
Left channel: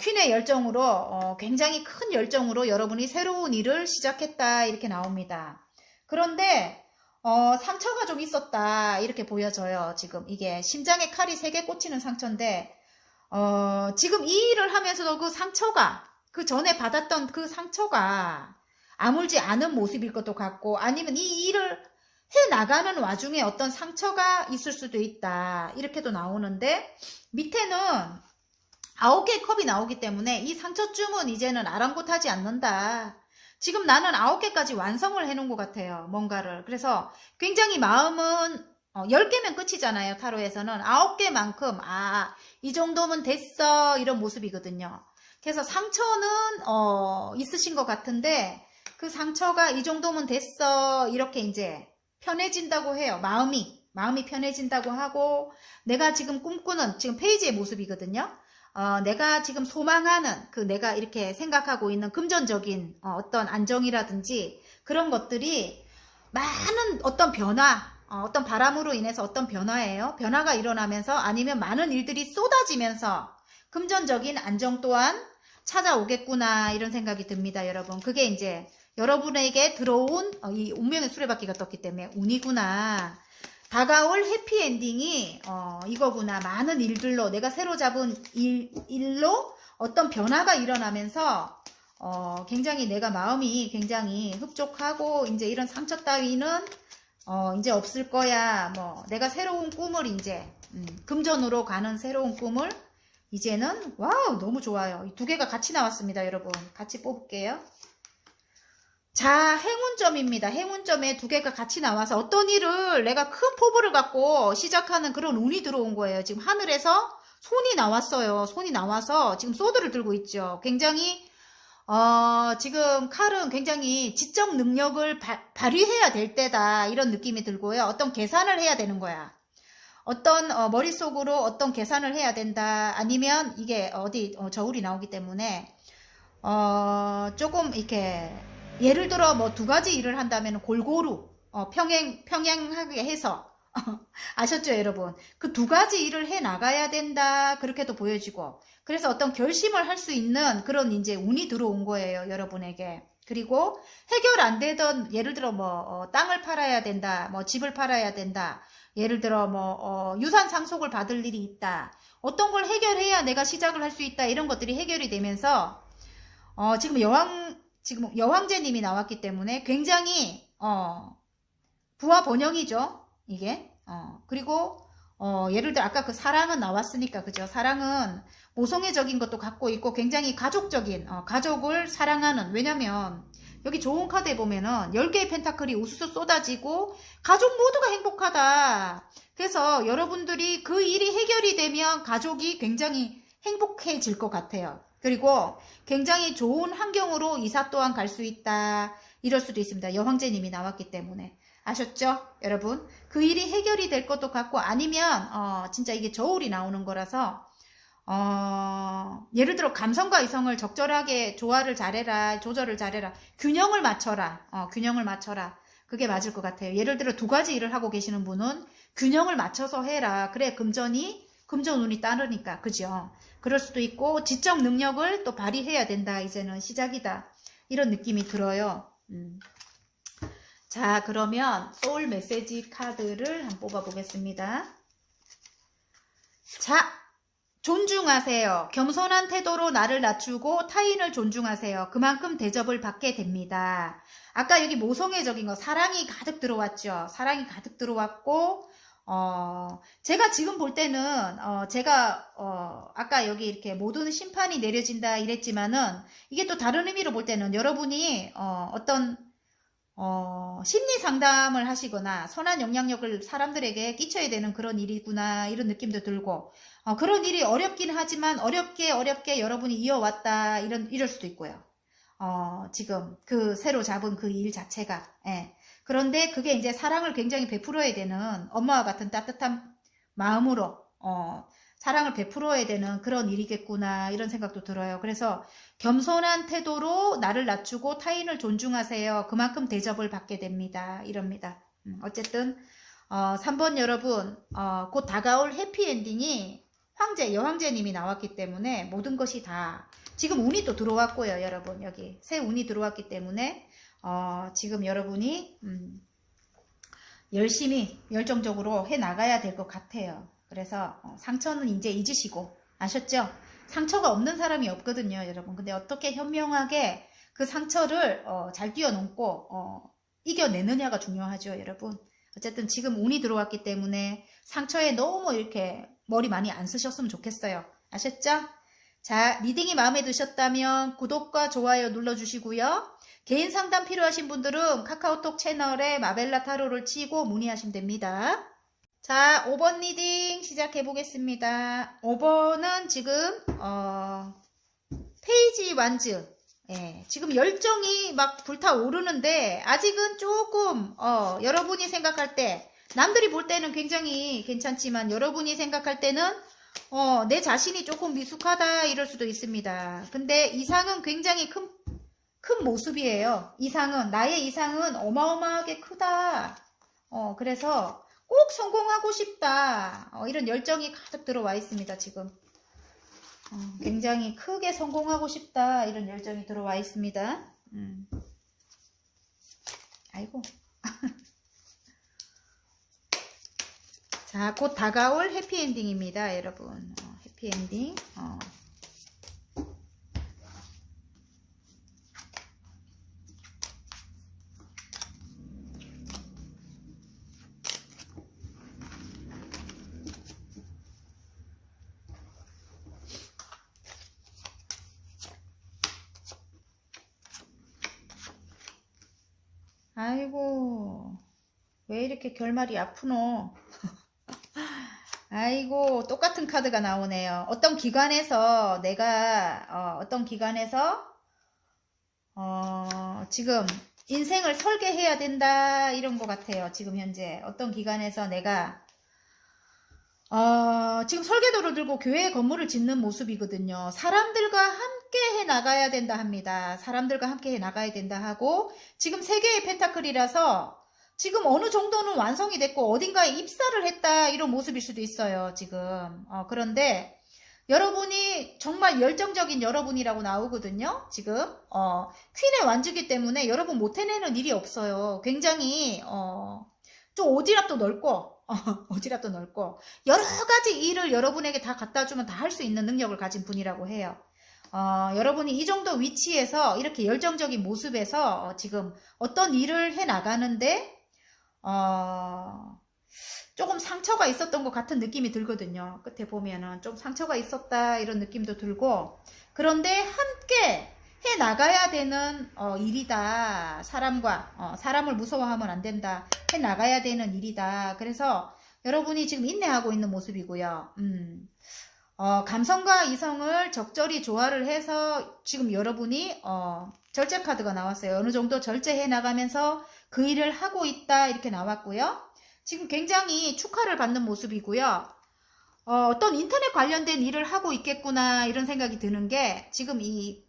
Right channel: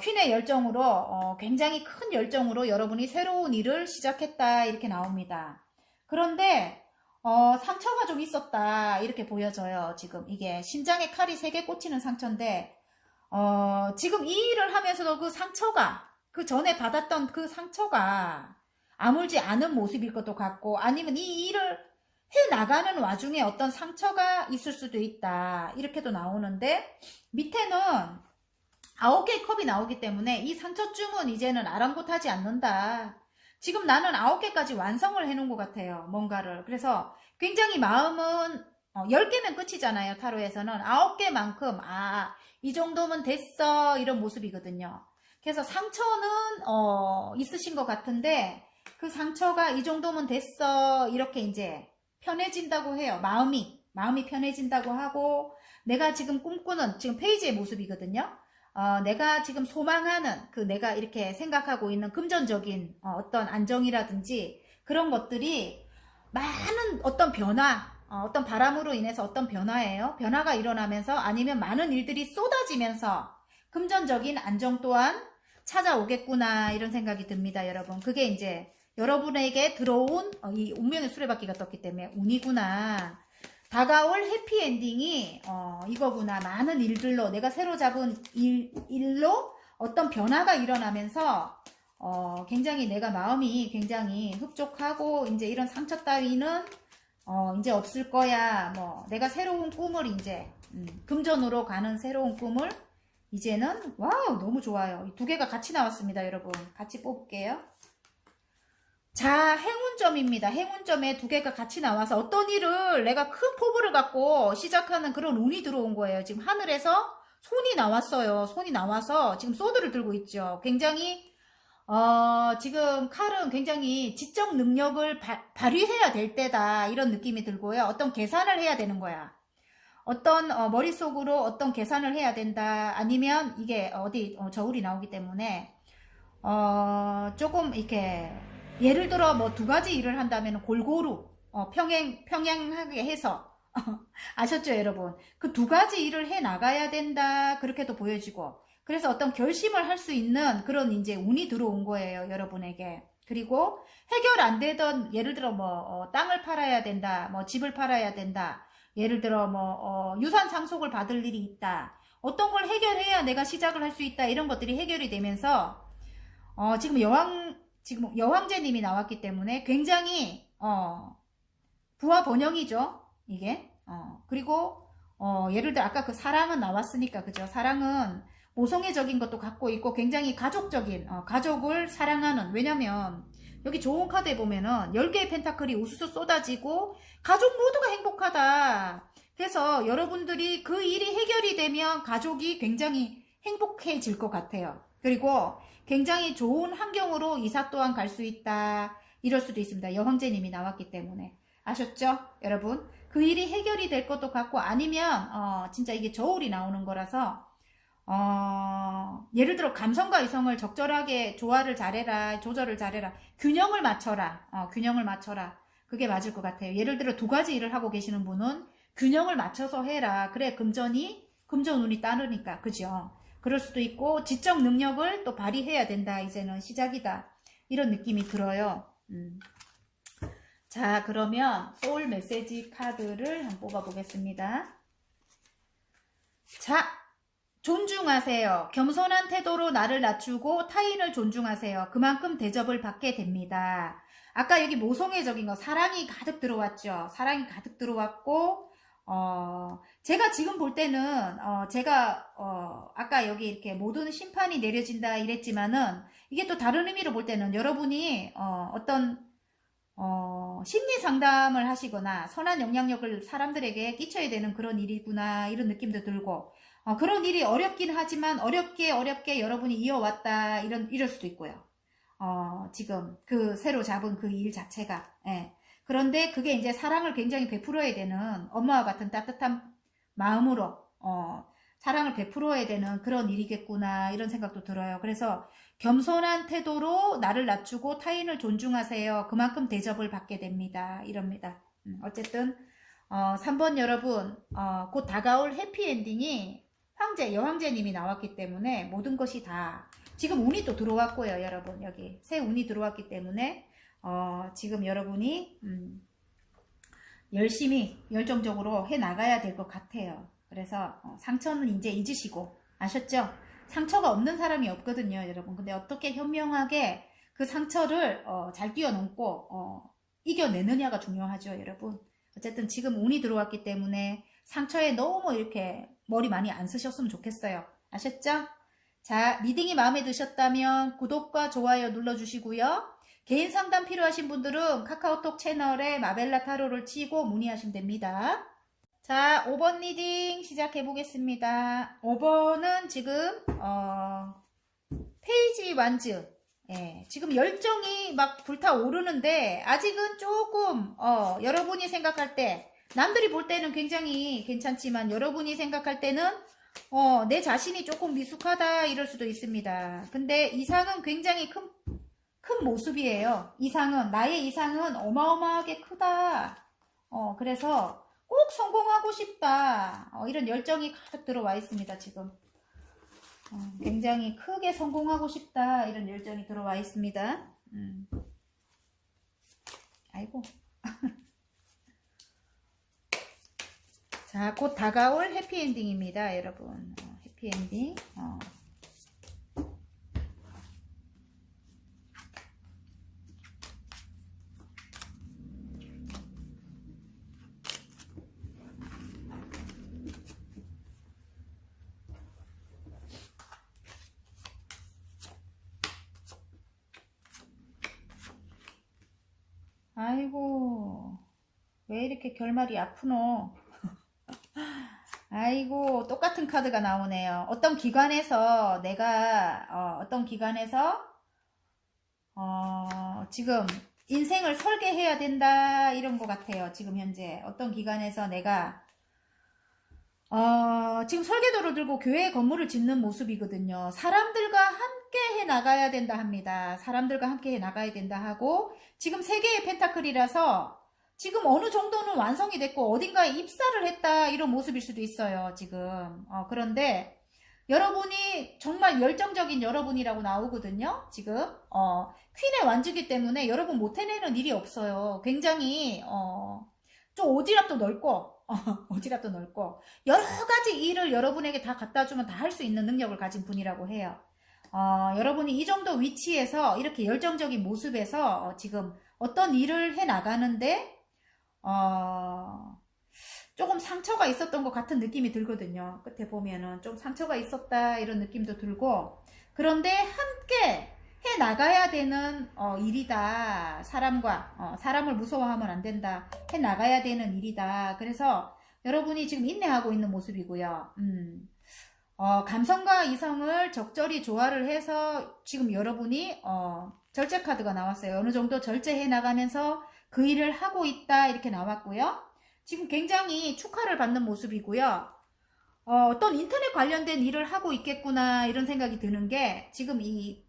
퀸의 열정으로 굉장히 큰 열정으로 여러분이 새로운 일을 시작했다 이렇게 나옵니다. 그런데 상처가 좀 있었다 이렇게 보여져요. 지금 이게 심장에 칼이 3개 꽂히는 상처인데 지금 이 일을 하면서도 그 상처가, 그 전에 받았던 그 상처가 아물지 않은 모습일 것도 같고, 아니면 이 일을 해 나가는 와중에 어떤 상처가 있을 수도 있다. 이렇게도 나오는데, 밑에는 9개의 컵이 나오기 때문에 이 상처쯤은 이제는 아랑곳하지 않는다. 지금 나는 9개까지 완성을 해놓은 것 같아요. 뭔가를. 그래서 굉장히 마음은 10개면 끝이잖아요. 타로에서는 9개만큼 이 정도면 됐어 이런 모습이거든요. 그래서 상처는 있으신 것 같은데 그 상처가 이 정도면 됐어 이렇게 이제 편해진다고 해요. 마음이 편해진다고 하고, 내가 지금 꿈꾸는 지금 페이지의 모습이거든요. 내가 지금 소망하는 내가 이렇게 생각하고 있는 금전적인 어떤 안정이라든지 그런 것들이 많은 어떤 변화, 어떤 바람으로 인해서 어떤 변화예요. 변화가 일어나면서 아니면 많은 일들이 쏟아지면서 금전적인 안정 또한 찾아오겠구나 이런 생각이 듭니다, 여러분. 그게 이제 여러분에게 들어온 이 운명의 수레바퀴가 떴기 때문에 운이구나. 다가올 해피엔딩이 이거구나. 많은 일들로 내가 새로 잡은 일로 어떤 변화가 일어나면서 굉장히 내가 마음이 굉장히 흡족하고 이제 이런 상처 따위는 이제 없을 거야. 뭐 내가 새로운 꿈을 이제 금전으로 가는 새로운 꿈을 이제는 와우 너무 좋아요. 이 2개가 같이 나왔습니다, 여러분. 같이 뽑을게요. 자, 행운점입니다. 행운점에 2개가 같이 나와서 어떤 일을 내가 큰 포부를 갖고 시작하는 그런 운이 들어온 거예요. 지금 하늘에서 손이 나왔어요. 손이 나와서 지금 소드를 들고 있죠. 굉장히 지금 칼은 굉장히 지적 능력을 발휘해야 될 때다 이런 느낌이 들고요. 어떤 계산을 해야 되는 거야. 어떤 머릿속으로 어떤 계산을 해야 된다. 아니면 이게 저울이 나오기 때문에 조금 이렇게 예를 들어 뭐 2가지 일을 한다면 골고루 평행하게 해서 아셨죠, 여러분? 그 2가지 일을 해 나가야 된다. 그렇게도 보여지고, 그래서 어떤 결심을 할 수 있는 그런 이제 운이 들어온 거예요, 여러분에게. 그리고 해결 안 되던, 예를 들어 뭐 땅을 팔아야 된다, 뭐 집을 팔아야 된다, 예를 들어 뭐 유산 상속을 받을 일이 있다, 어떤 걸 해결해야 내가 시작을 할 수 있다, 이런 것들이 해결이 되면서 지금 여왕제님이 나왔기 때문에 굉장히 부와 번영이죠, 이게. 그리고 예를 들어 아까 그 사랑은 나왔으니까, 그죠? 사랑은 모성애적인 것도 갖고 있고 굉장히 가족적인, 가족을 사랑하는, 왜냐면 여기 좋은 카드에 보면은 10개의 펜타클이 우수수 쏟아지고 가족 모두가 행복하다. 그래서 여러분들이 그 일이 해결이 되면 가족이 굉장히 행복해질 것 같아요. 그리고 굉장히 좋은 환경으로 이사 또한 갈 수 있다. 이럴 수도 있습니다. 여왕제님이 나왔기 때문에. 아셨죠, 여러분? 그 일이 해결이 될 것도 같고, 아니면 진짜 이게 저울이 나오는 거라서 예를 들어 감성과 이성을 적절하게 조화를 잘해라, 조절을 잘해라, 균형을 맞춰라, 균형을 맞춰라. 그게 맞을 것 같아요. 예를 들어 2가지 일을 하고 계시는 분은 균형을 맞춰서 해라. 그래 금전 운이 따르니까, 그죠? 그럴 수도 있고, 지적 능력을 또 발휘해야 된다. 이제는 시작이다. 이런 느낌이 들어요. 자, 그러면 소울 메시지 카드를 한번 뽑아 보겠습니다. 자, 존중하세요. 겸손한 태도로 나를 낮추고 타인을 존중하세요. 그만큼 대접을 받게 됩니다. 아까 여기 모성애적인 거 사랑이 가득 들어왔죠. 사랑이 가득 들어왔고 제가 지금 볼 때는 제가 아까 여기 이렇게 모든 심판이 내려진다 이랬지만은 이게 또 다른 의미로 볼 때는 여러분이 어떤 심리 상담을 하시거나 선한 영향력을 사람들에게 끼쳐야 되는 그런 일이구나 이런 느낌도 들고 그런 일이 어렵긴 하지만 어렵게 여러분이 이어왔다 이럴 수도 있고요. 지금 그 새로 잡은 그 일 자체가 예. 그런데 그게 이제 사랑을 굉장히 베풀어야 되는 엄마와 같은 따뜻한 마음으로 사랑을 베풀어야 되는 그런 일이겠구나 이런 생각도 들어요. 그래서 겸손한 태도로 나를 낮추고 타인을 존중하세요. 그만큼 대접을 받게 됩니다. 이럽니다. 어쨌든 3번 여러분 곧 다가올 해피엔딩이 황제, 여황제님이 나왔기 때문에 모든 것이 다 지금 운이 또 들어왔고요. 여러분 여기 새 운이 들어왔기 때문에 지금 여러분이 열심히 열정적으로 해나가야 될 것 같아요. 그래서 상처는 이제 잊으시고 아셨죠? 상처가 없는 사람이 없거든요, 여러분. 근데 어떻게 현명하게 그 상처를 잘 뛰어넘고 이겨내느냐가 중요하죠, 여러분. 어쨌든 지금 운이 들어왔기 때문에 상처에 너무 이렇게 머리 많이 안 쓰셨으면 좋겠어요. 아셨죠? 자, 리딩이 마음에 드셨다면 구독과 좋아요 눌러주시고요. 개인 상담 필요하신 분들은 카카오톡 채널에 마벨라 타로를 치고 문의하시면 됩니다. 자, 5번 리딩 시작해 보겠습니다. 5번은 지금 페이지 완즈. 예, 지금 열정이 막 불타오르는데 아직은 조금 여러분이 생각할 때 남들이 볼 때는 굉장히 괜찮지만 여러분이 생각할 때는 내 자신이 조금 미숙하다 이럴 수도 있습니다. 근데 이상은 굉장히 큰 모습이에요. 나의 이상은 어마어마하게 크다. 그래서 꼭 성공하고 싶다. 이런 열정이 가득 들어와 있습니다, 지금. 굉장히 크게 성공하고 싶다. 이런 열정이 들어와 있습니다. 아이고. 자, 곧 다가올 해피엔딩입니다, 여러분. 해피엔딩. 아이고, 왜 이렇게 결말이 아프노? 아이고, 똑같은 카드가 나오네요. 어떤 기관에서 지금 인생을 설계해야 된다 이런 것 같아요. 지금 현재 어떤 기관에서 내가 지금 설계도를 들고 교회 건물을 짓는 모습이거든요. 사람들과 함께 해 나가야 된다 합니다. 사람들과 함께 해 나가야 된다 하고 지금 세 개의 펜타클이라서 지금 어느 정도는 완성이 됐고 어딘가에 입사를 했다 이런 모습일 수도 있어요. 지금 그런데 여러분이 정말 열정적인 여러분이라고 나오거든요. 지금 퀸의 완주기 때문에 여러분 못 해내는 일이 없어요. 굉장히 좀 오지랖도 넓고 오지랖도 넓고 여러 가지 일을 여러분에게 다 갖다 주면 다 할 수 있는 능력을 가진 분이라고 해요. 여러분이 이 정도 위치에서 이렇게 열정적인 모습에서 지금 어떤 일을 해 나가는데 조금 상처가 있었던 것 같은 느낌이 들거든요. 끝에 보면은 좀 상처가 있었다 이런 느낌도 들고 그런데 함께 해 나가야 되는 일이다. 사람을 무서워하면 안 된다. 해 나가야 되는 일이다. 그래서 여러분이 지금 인내하고 있는 모습이고요. 감성과 이성을 적절히 조화를 해서 지금 여러분이 절제 카드가 나왔어요. 어느 정도 절제해 나가면서 그 일을 하고 있다 이렇게 나왔고요. 지금 굉장히 축하를 받는 모습이고요. 어떤 인터넷 관련된 일을 하고 있겠구나 이런 생각이 드는 게 지금 이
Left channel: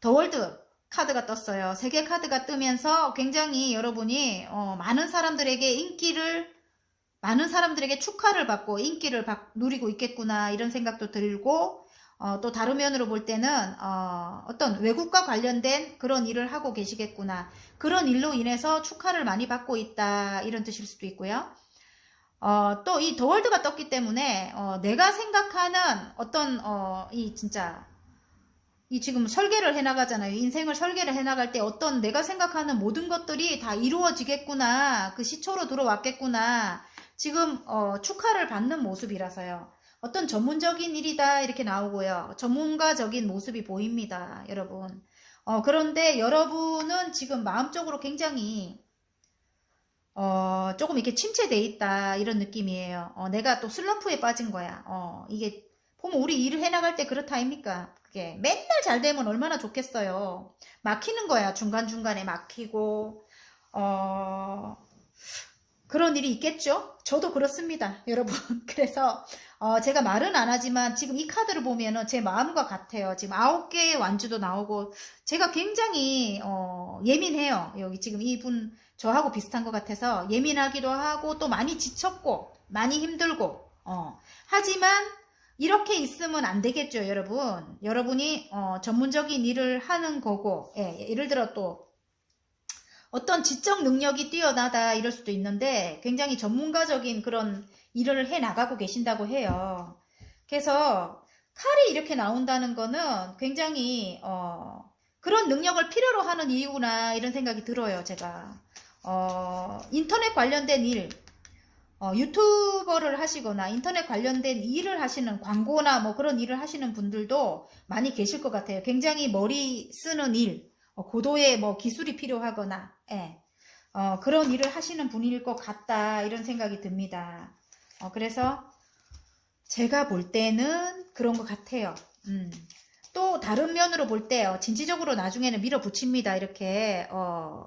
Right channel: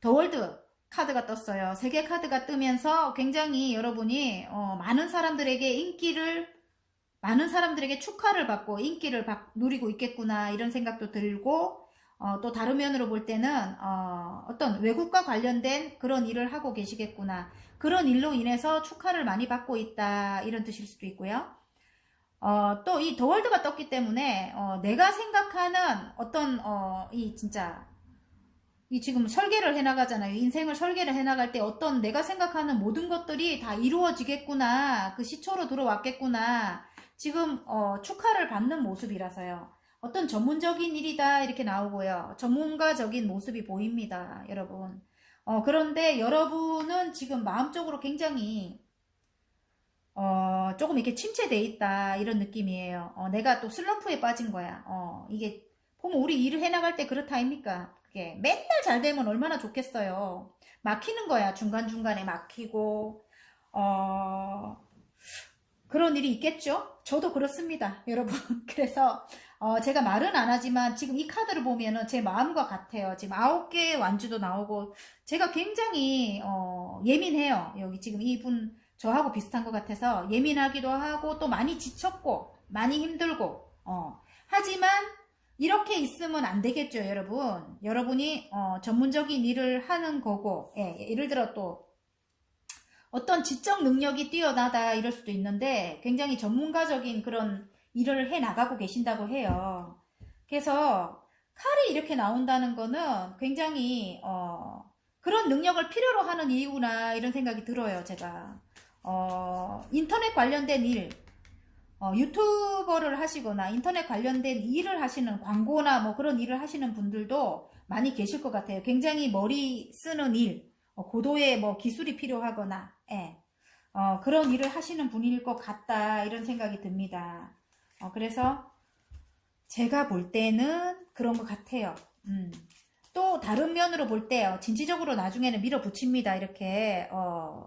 더월드 카드가 떴어요. 3개 카드가 뜨면서 굉장히 여러분이 많은 사람들에게 축하를 받고 인기를 누리고 있겠구나 이런 생각도 들고 또 다른 면으로 볼 때는 어떤 외국과 관련된 그런 일을 하고 계시겠구나. 그런 일로 인해서 축하를 많이 받고 있다. 이런 뜻일 수도 있고요. 또 이 더월드가 떴기 때문에 내가 생각하는 어떤 이 진짜 이 지금 설계를 해나가잖아요. 인생을 설계를 해나갈 때 어떤 내가 생각하는 모든 것들이 다 이루어지겠구나. 그 시초로 들어왔겠구나. 지금 축하를 받는 모습이라서요. 어떤 전문적인 일이다 이렇게 나오고요. 전문가적인 모습이 보입니다. 여러분. 그런데 여러분은 지금 마음적으로 굉장히 조금 이렇게 침체돼 있다 이런 느낌이에요. 내가 또 슬럼프에 빠진 거야. 이게 보면 우리 일을 해나갈 때 그렇다 아닙니까? 그게 맨날 잘 되면 얼마나 좋겠어요. 막히는 거야. 중간중간에 막히고 그런 일이 있겠죠? 저도 그렇습니다, 여러분. 그래서 제가 말은 안 하지만 지금 이 카드를 보면은 제 마음과 같아요. 지금 9개의 완주도 나오고 제가 굉장히 예민해요. 여기 지금 이분 저하고 비슷한 것 같아서 예민하기도 하고 또 많이 지쳤고 많이 힘들고 하지만 이렇게 있으면 안 되겠죠, 여러분. 여러분이 전문적인 일을 하는 거고 예를 들어 또 어떤 지적 능력이 뛰어나다 이럴 수도 있는데 굉장히 전문가적인 그런 일을 해 나가고 계신다고 해요. 그래서 칼이 이렇게 나온다는 거는 굉장히 그런 능력을 필요로 하는 이유구나 이런 생각이 들어요, 제가. 인터넷 관련된 일, 유튜버를 하시거나 인터넷 관련된 일을 하시는 광고나 뭐 그런 일을 하시는 분들도 많이 계실 것 같아요. 굉장히 머리 쓰는 일, 고도의 뭐 기술이 필요하거나, 그런 일을 하시는 분일 것 같다 이런 생각이 듭니다. 그래서 제가 볼 때는 그런 것 같아요. 또 다른 면으로 볼 때요. 진취적으로 나중에는 밀어붙입니다. 이렇게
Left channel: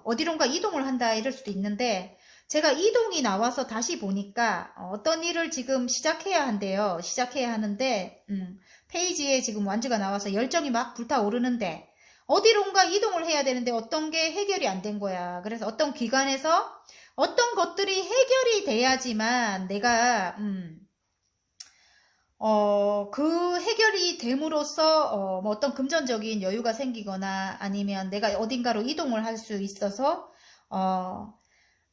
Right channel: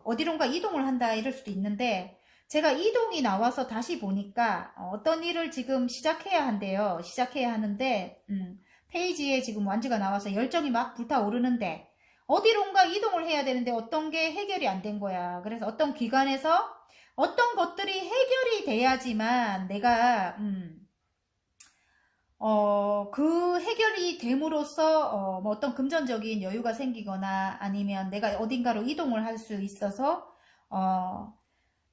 어디론가 이동을 한다 이럴 수도 있는데 제가 이동이 나와서 다시 보니까 어떤 일을 지금 시작해야 한대요. 시작해야 하는데 페이지에 지금 완주가 나와서 열정이 막 불타오르는데 어디론가 이동을 해야 되는데 어떤 게 해결이 안 된 거야. 그래서 어떤 기관에서 어떤 것들이 해결이 돼야지만 내가 그 해결이 됨으로써 뭐 어떤 금전적인 여유가 생기거나 아니면 내가 어딘가로 이동을 할 수 있어서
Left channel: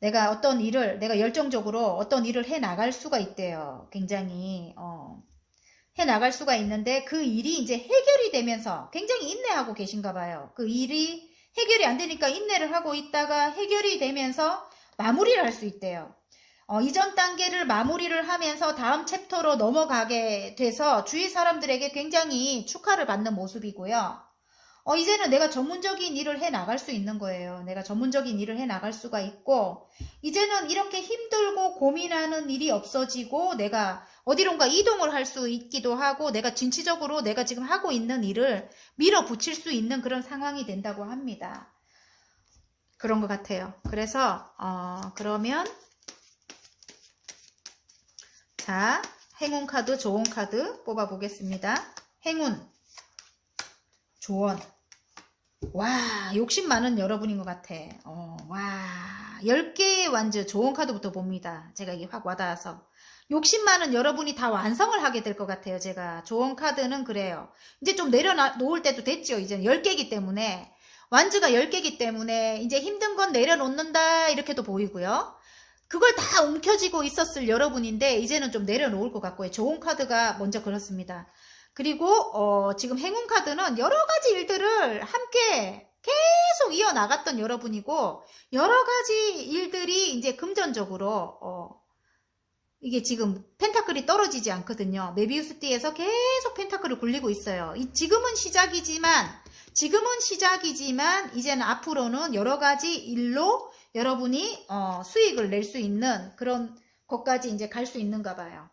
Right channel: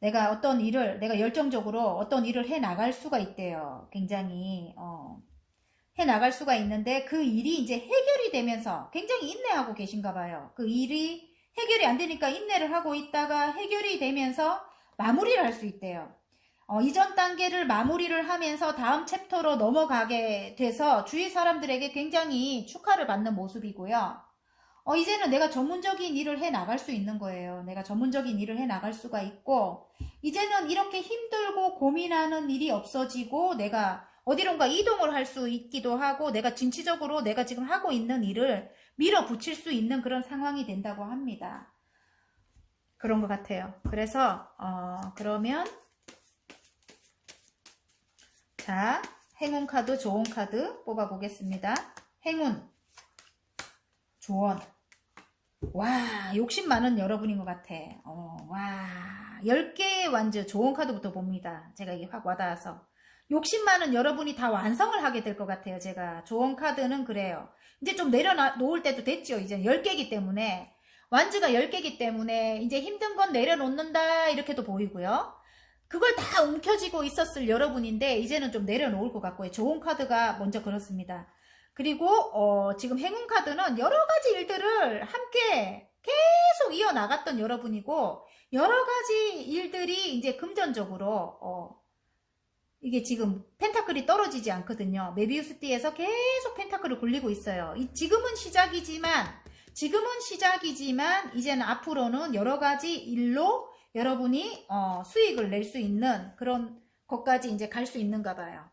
내가 어떤 일을 내가 열정적으로 어떤 일을 해 나갈 수가 있대요. 굉장히 해 나갈 수가 있는데 그 일이 이제 해결이 되면서 굉장히 인내하고 계신가 봐요. 그 일이 해결이 안 되니까 인내를 하고 있다가 해결이 되면서 마무리를 할 수 있대요. 이전 단계를 마무리를 하면서 다음 챕터로 넘어가게 돼서 주위 사람들에게 굉장히 축하를 받는 모습이고요. 이제는 내가 전문적인 일을 해 나갈 수 있는 거예요. 내가 전문적인 일을 해 나갈 수가 있고, 이제는 이렇게 힘들고 고민하는 일이 없어지고, 내가 어디론가 이동을 할 수 있기도 하고, 내가 진취적으로 내가 지금 하고 있는 일을 밀어붙일 수 있는 그런 상황이 된다고 합니다. 그런 것 같아요. 그래서, 그러면, 자, 행운 카드, 조언 카드 뽑아 보겠습니다. 행운, 조언. 와, 욕심 많은 여러분인 것 같아. 와, 10개의 완주, 조언 카드부터 봅니다. 제가 이게 확 와닿아서. 욕심 많은 여러분이 다 완성을 하게 될 것 같아요, 제가. 조언 카드는 그래요. 이제 좀 내려놓을 때도 됐죠. 이제 10개이기 때문에. 완주가 10개이기 때문에 이제 힘든 건 내려놓는다, 이렇게도 보이고요. 그걸 다 움켜쥐고 있었을 여러분인데 이제는 좀 내려놓을 것 같고요. 좋은 카드가 먼저 그렇습니다. 그리고 지금 행운 카드는 여러 가지 일들을 함께 계속 이어나갔던 여러분이고 여러 가지 일들이 이제 금전적으로 이게 지금 펜타클이 떨어지지 않거든요. 메비우스 띠에서 계속 펜타클을 굴리고 있어요. 지금은 시작이지만 이제는 앞으로는 여러 가지 일로 여러분이 수익을 낼 수 있는 그런 것까지 이제 갈 수 있는가 봐요.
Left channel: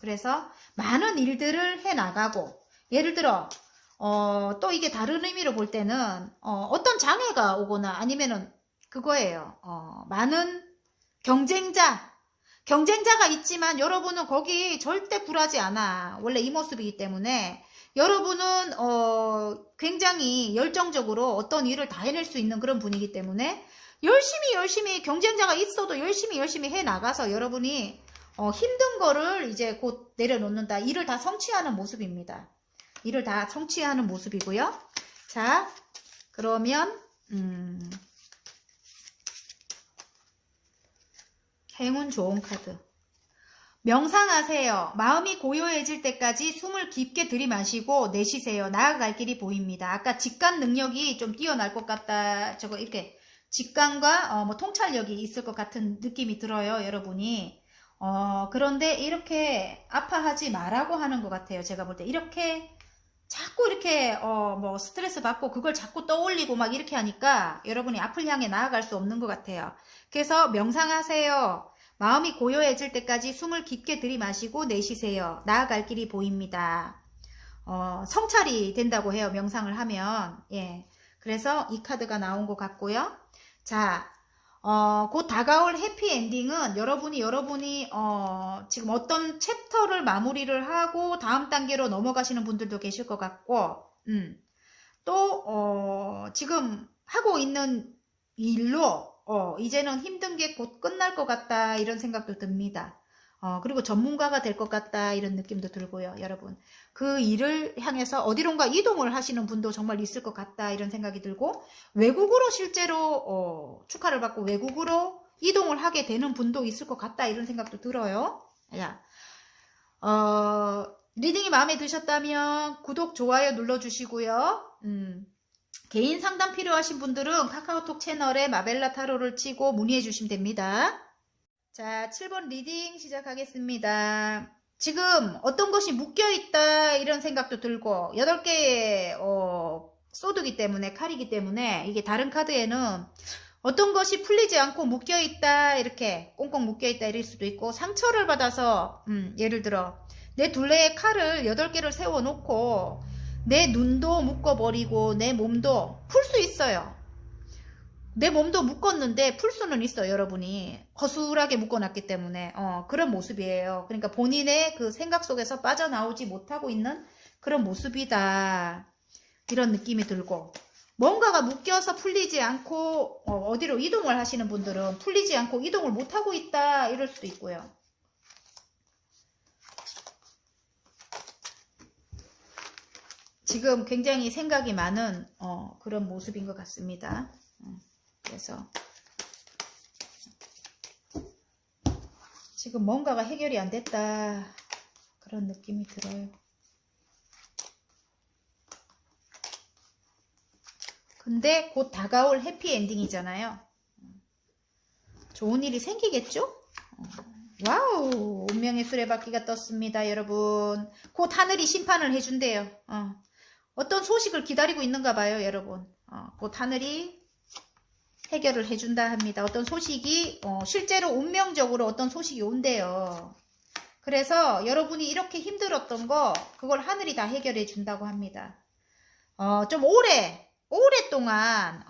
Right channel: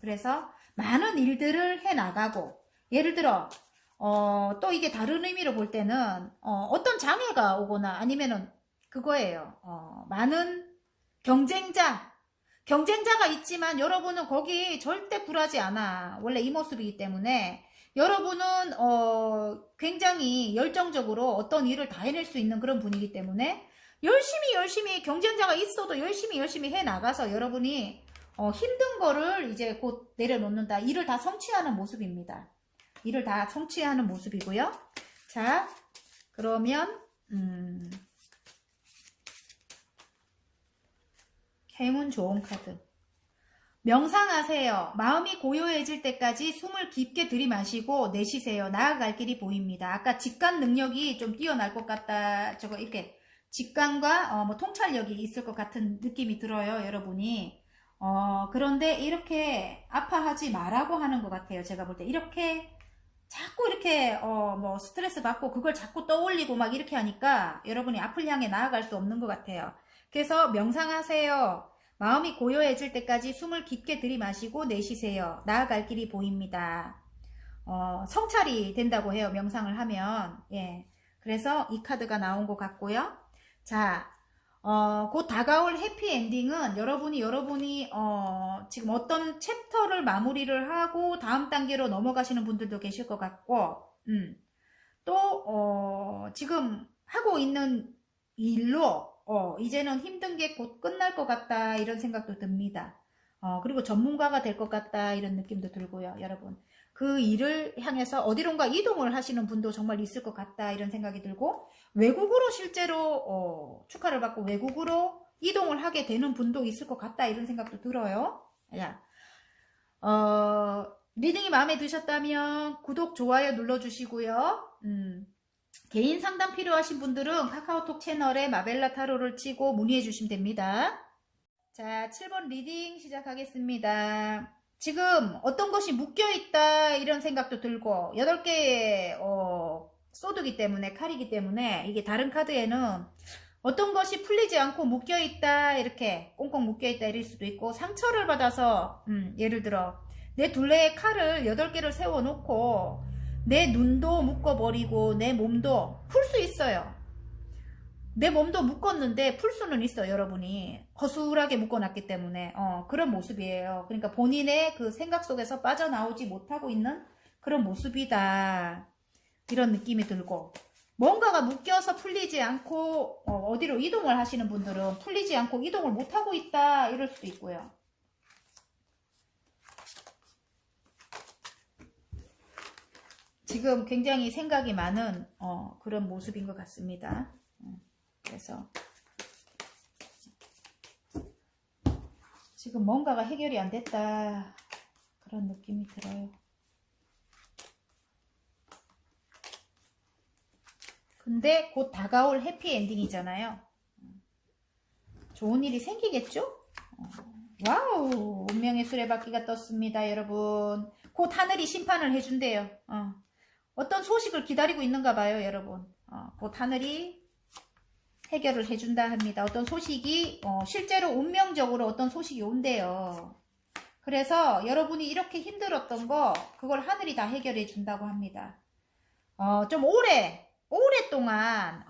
그래서 많은 일들을 해 나가고 예를 들어 또 이게 다른 의미로 볼 때는 어떤 장애가 오거나 아니면은 그거예요. 많은 경쟁자가 있지만 여러분은 거기 절대 굴하지 않아. 원래 이 모습이기 때문에 여러분은 굉장히 열정적으로 어떤 일을 다 해낼 수 있는 그런 분이기 때문에 열심히 경쟁자가 있어도 열심히 해 나가서 여러분이 힘든 거를 이제 곧 내려놓는다. 일을 다 성취하는 모습입니다. 일을 다 성취하는 모습이고요. 자, 그러면 행운 좋은 카드. 명상하세요. 마음이 고요해질 때까지 숨을 깊게 들이마시고 내쉬세요. 나아갈 길이 보입니다. 아까 직관 능력이 좀 뛰어날 것 같다. 저거 이렇게 직관과 뭐 통찰력이 있을 것 같은 느낌이 들어요. 여러분이. 그런데 이렇게 아파하지 말라고 하는 것 같아요. 제가 볼 때 이렇게 자꾸 이렇게 뭐 스트레스 받고 그걸 자꾸 떠올리고 막 이렇게 하니까 여러분이 앞을 향해 나아갈 수 없는 것 같아요. 그래서 명상하세요. 마음이 고요해질 때까지 숨을 깊게 들이마시고 내쉬세요. 나아갈 길이 보입니다. 성찰이 된다고 해요. 명상을 하면. 예. 그래서 이 카드가 나온 것 같고요. 자, 곧 다가올 해피엔딩은 여러분이 지금 어떤 챕터를 마무리를 하고 다음 단계로 넘어가시는 분들도 계실 것 같고, 또, 지금 하고 있는 일로 이제는 힘든 게 곧 끝날 것 같다 이런 생각도 듭니다. 그리고 전문가가 될 것 같다 이런 느낌도 들고요. 여러분 그 일을 향해서 어디론가 이동을 하시는 분도 정말 있을 것 같다 이런 생각이 들고, 외국으로 실제로 축하를 받고 외국으로 이동을 하게 되는 분도 있을 것 같다 이런 생각도 들어요. 야, 리딩이 마음에 드셨다면 구독, 좋아요 눌러주시고요. 개인 상담 필요하신 분들은 카카오톡 채널에 마벨라 타로를 치고 문의해 주시면 됩니다. 자, 7번 리딩 시작하겠습니다. 지금 어떤 것이 묶여있다 이런 생각도 들고 8개의 소드기 때문에, 칼이기 때문에 이게 다른 카드에는 어떤 것이 풀리지 않고 묶여있다 이렇게 꽁꽁 묶여있다 이럴 수도 있고, 상처를 받아서 예를 들어 내 둘레에 칼을 8개를 세워놓고 내 눈도 묶어버리고 내 몸도 풀 수 있어요. 내 몸도 묶었는데 풀 수는 있어. 여러분이 허술하게 묶어놨기 때문에 그런 모습이에요. 그러니까 본인의 그 생각 속에서 빠져나오지 못하고 있는 그런 모습이다 이런 느낌이 들고, 뭔가가 묶여서 풀리지 않고 어디로 이동을 하시는 분들은 풀리지 않고 이동을 못하고 있다 이럴 수도 있고요. 지금 굉장히 생각이 많은 그런 모습인 것 같습니다. 그래서 지금 뭔가가 해결이 안 됐다 그런 느낌이 들어요. 근데 곧 다가올 해피엔딩이잖아요. 좋은 일이 생기겠죠? 와우, 운명의 수레바퀴가 떴습니다. 여러분 곧 하늘이 심판을 해준대요. 어떤 소식을 기다리고 있는가 봐요. 여러분 곧 하늘이 해결을 해준다 합니다. 어떤 소식이 실제로 운명적으로 어떤 소식이 온대요. 그래서 여러분이 이렇게 힘들었던 거 그걸 하늘이 다 해결해 준다고 합니다. 좀 오랫동안